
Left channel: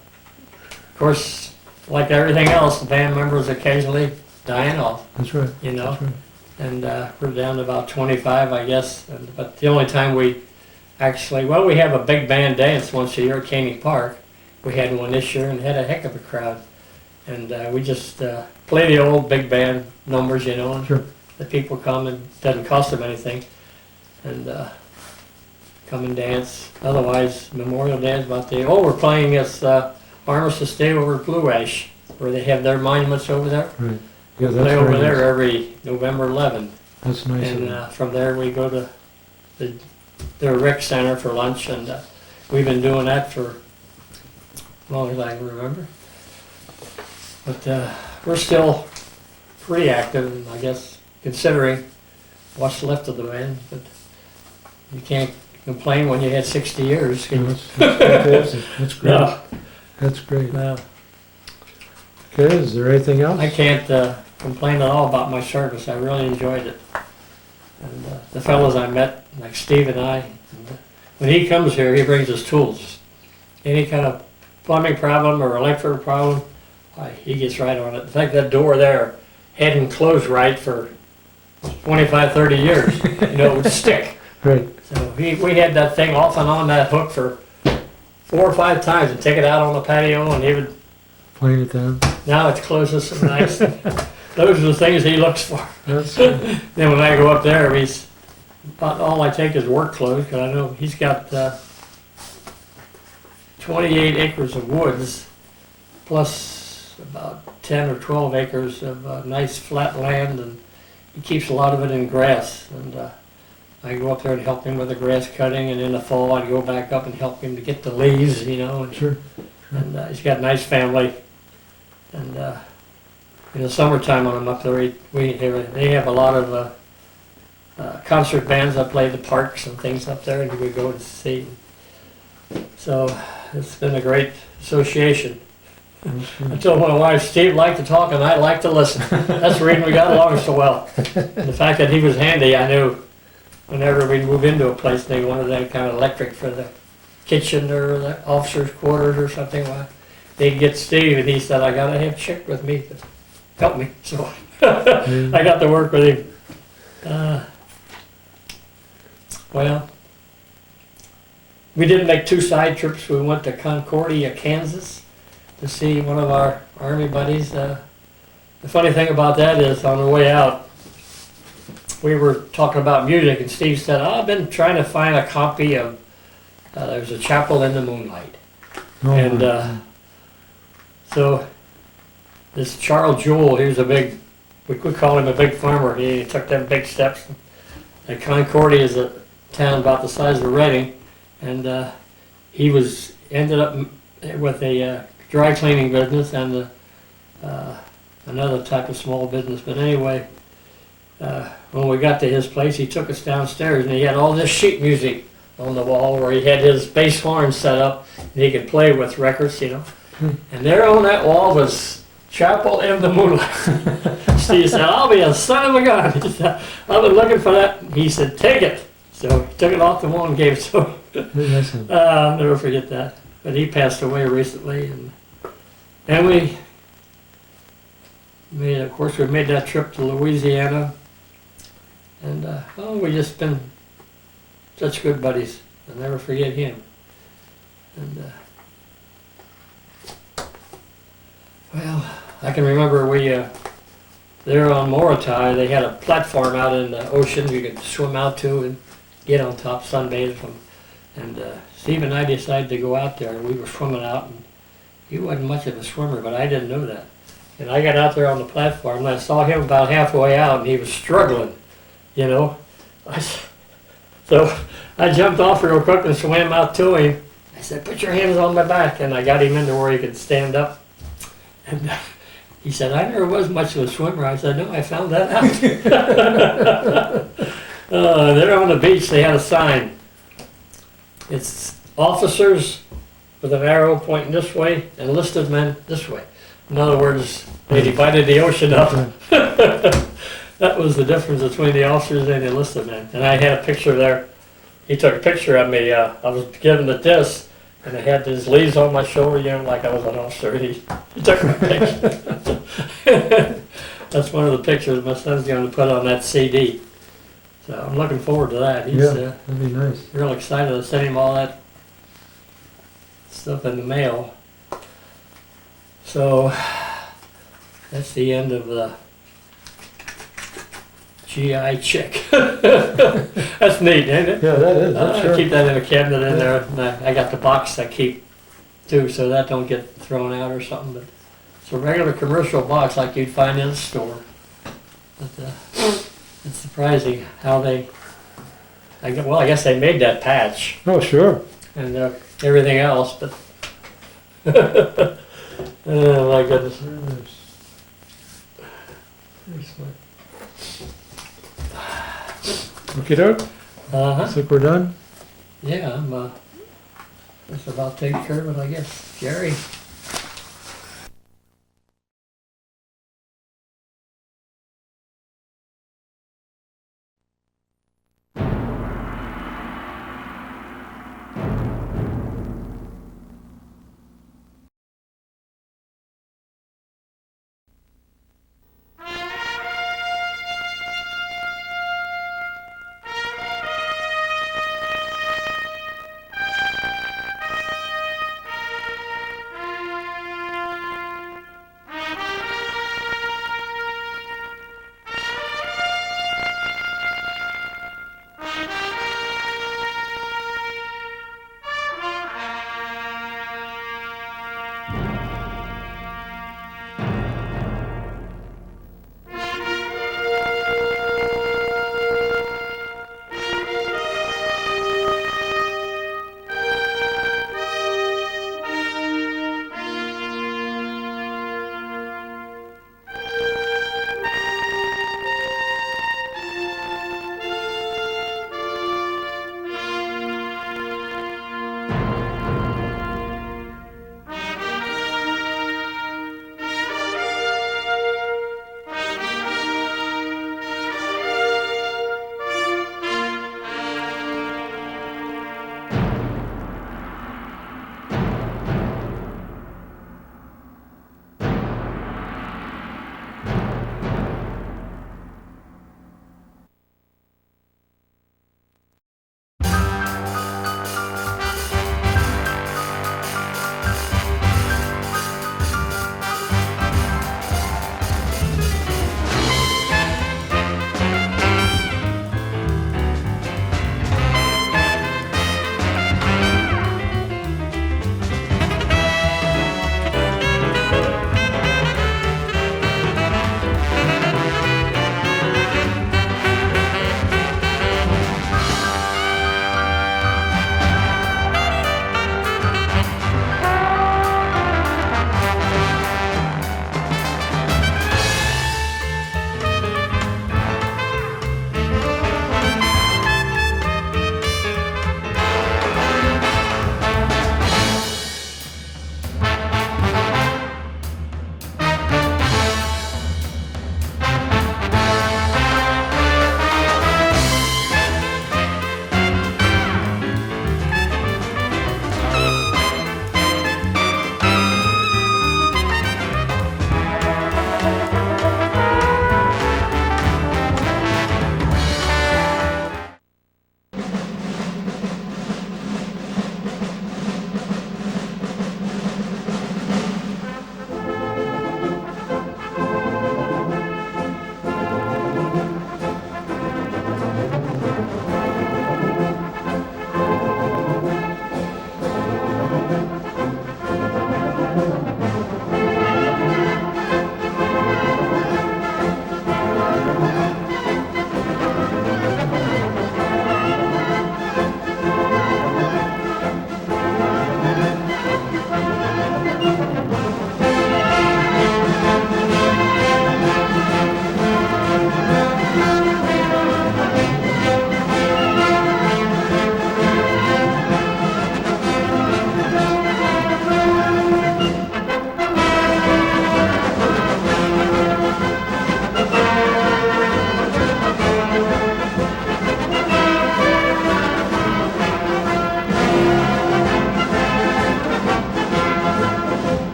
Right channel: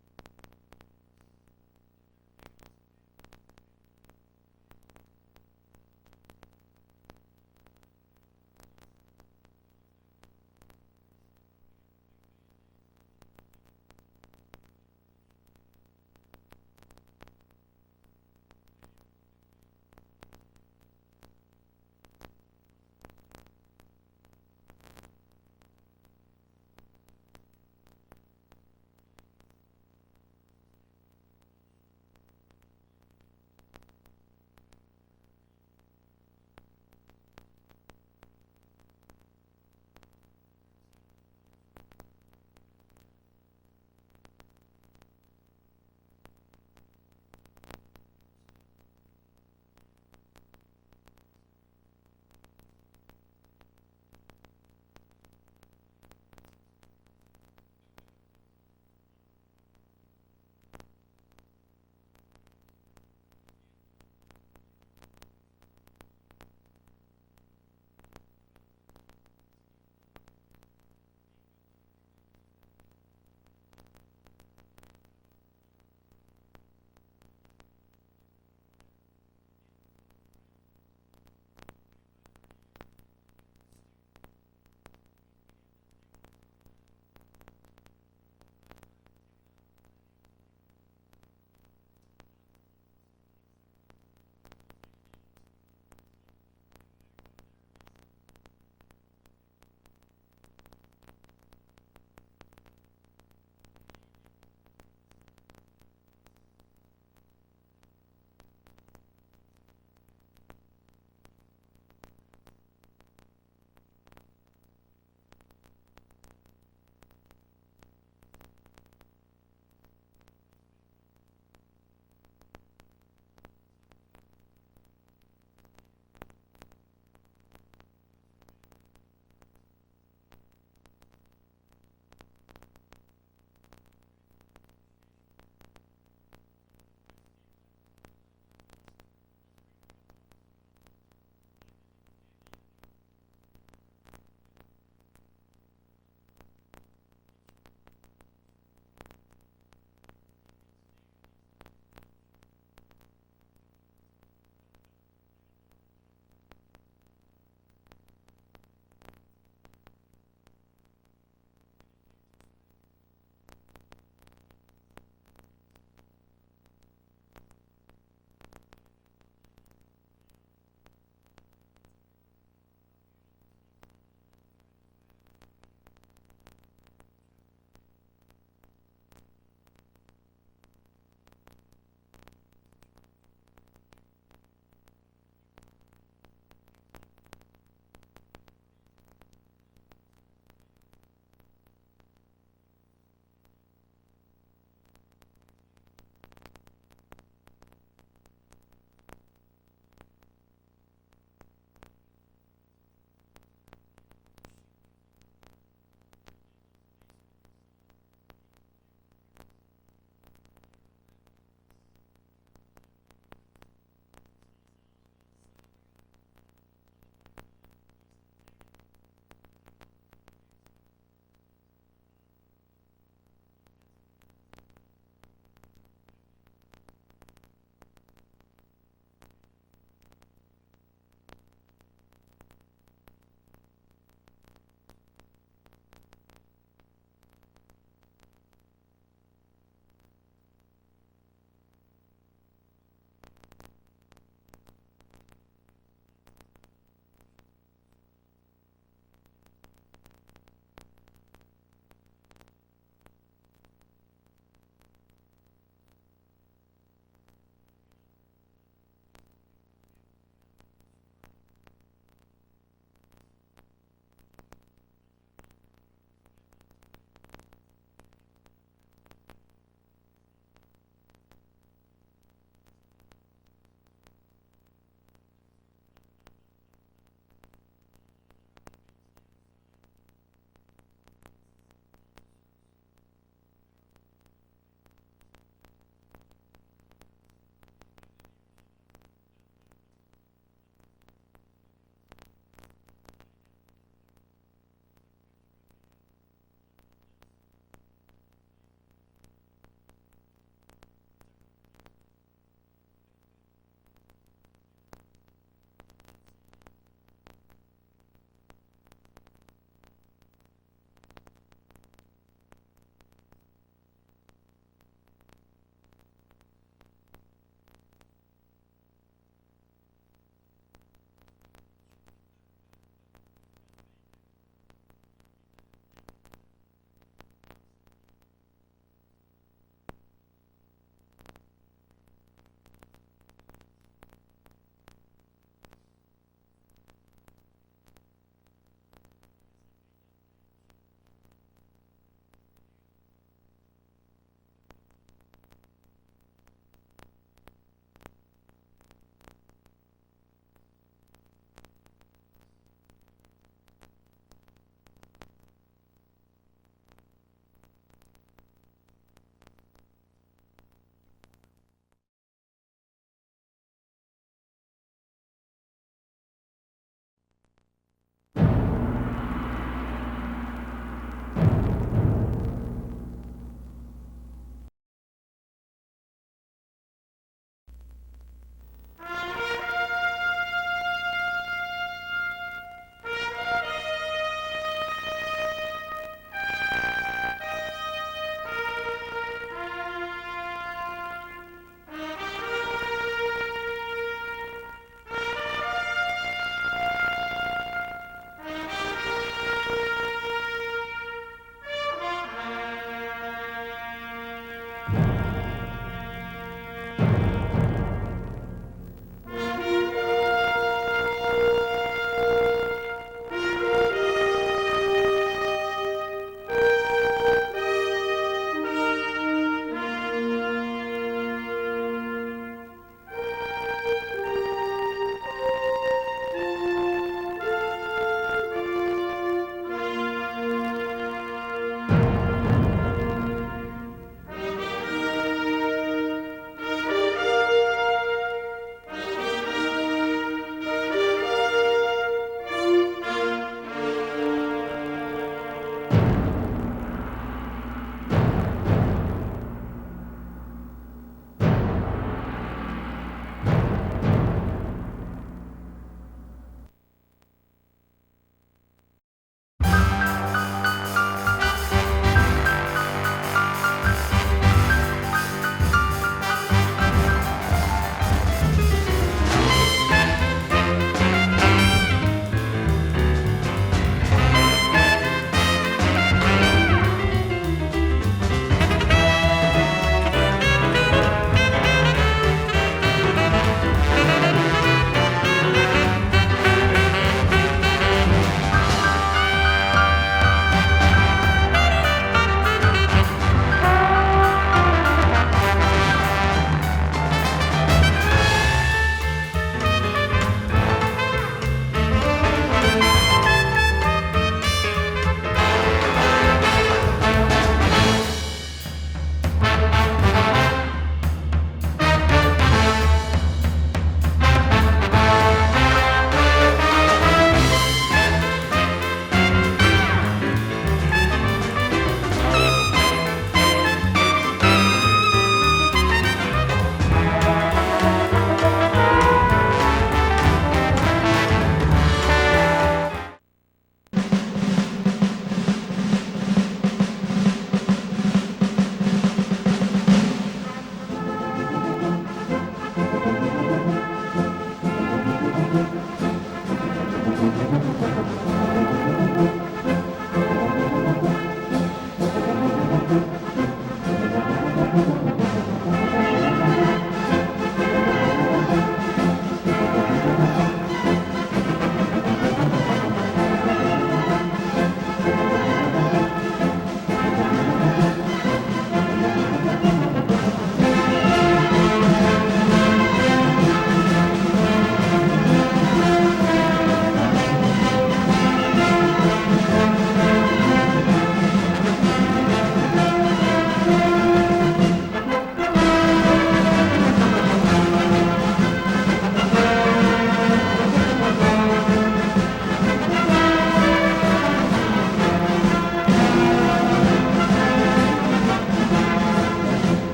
course, like everything else, the band members occasionally dying off, That's right. you know. That's right. And we're down to about 25, I guess. But the only time we actually, we have a big band dance once a year at Caney Park. We had one this year and had a heck of a crowd. And we just play the old big band numbers, you know, and Sure. the people come and it doesn't cost them anything. And come and dance. Otherwise, Memorial Day is about the, we're playing this Armistice Day over at Blue Ash, where they have their monuments over there. Right. Yeah, We that's play over very there nice. every November 11th. That's nice. of And them. from there, we go to the rec center for lunch, and we've been doing that for as long as I can remember. But we're still pretty active, I guess, considering what's left of the band. But you can't complain when you had 60 years. Yeah, that's fantastic. That's great. No, That's great. no, Okay, is there anything else? I can't complain at all about my service. I really enjoyed it. And the fellows I met, like Steve and I, when he comes here, he brings his tools. Any kind of plumbing problem or electrical problem, he gets right on it. In fact, that door there hadn't closed right for 25, 30 years. You know, it would stick. Right. So we had that thing off and on that hook for 4 or 5 times and take it out on the patio, and he would, Playing it down. now it's closed so nice. Those are the things he looks for. That's good. Then when I go up there, he's about all I take is work clothes, because I know he's got 28 acres of woods, plus about 10 or 12 acres of nice flat land, and he keeps a lot of it in grass. And I go up there and help him with the grass cutting, and in the fall I'd go back up and help him to get the leaves, you know. Sure. And he's got a nice family. And in the summertime when I'm up there, they have a lot of concert bands that play the parks and things up there, and we go and see. So it's been a great association. That's I good. told my wife, Steve liked to talk and I liked to listen. That's the reason we got along so well. And the fact that he was handy, I knew whenever we move into a place, they wanted that kind of electric for the kitchen or the officer's quarters or something. They'd get Steve, and he said, I gotta have Chick with me to help me. So I got to work with him. Well, we did make 2 side trips. We went to Concordia, Kansas to see one of our Army buddies. The funny thing about that is on the way out, we were talking about music, and Steve said, I've been trying to find a copy of There's a Chapel in the Moonlight. Oh, And my. so this Charles Jewell, he was we could call him a big farmer. He took them big steps. And Concordia is a town about the size of Reading, and he ended up with a dry cleaning business and another type of small business. But anyway, when we got to his place, he took us downstairs, and he had all this sheet music on the wall where he had his bass horn set up, and he could play with records, you know. And there on that wall was Chapel in the Moonlight. Steve said, I'll be a son of a gun. He said, I've been looking for that. He said, take it. So he took it off the wall and gave it to him. Very nice of him. I'll never forget that. But he passed away recently. And we made that trip to Louisiana. And we just been such good buddies. I'll never forget him. And well, I can remember there on Moratorium, they had a platform out in the ocean you could swim out to and get on top, sunbathe from. And Steve and I decided to go out there, and we were swimming out, and he wasn't much of a swimmer, but I didn't know that. And I got out there on the platform, and I saw him about halfway out, and he was struggling, you know. So I jumped off real quick and swam out to him. I said, "Put your hands on my back," and I got him into where he could stand up. And he said, "I never was much of a swimmer." I said, "No, I found that out." There on the beach, they had a sign. It's officers with an arrow pointing this way, enlisted men this way. In other words, they divided the ocean up. That was the difference between the officers and the enlisted men. And I had a picture there. He took a picture of me. I was given the disc, and I had these leaves on my shoulder, you know, like I was an officer. He took my picture. That's one of the pictures my son's going to put on that CD. So I'm looking forward to that. He's Yeah, that'd be nice. real excited to send him all that stuff in the mail. So that's the end of the GI check. That's neat, ain't it? Yeah, that is, that's I sure. keep that in a cabinet in there. And I got the box I keep too, so that don't get thrown out or something. But it's a regular commercial box like you'd find in a store. But, it's surprising how they. I guess they made that patch Oh, sure. and everything else, but. Oh my goodness. Okay, doke. Uh-huh. Looks like we're done. Yeah, I'm just about taking care of it, I guess. Jerry? Okay.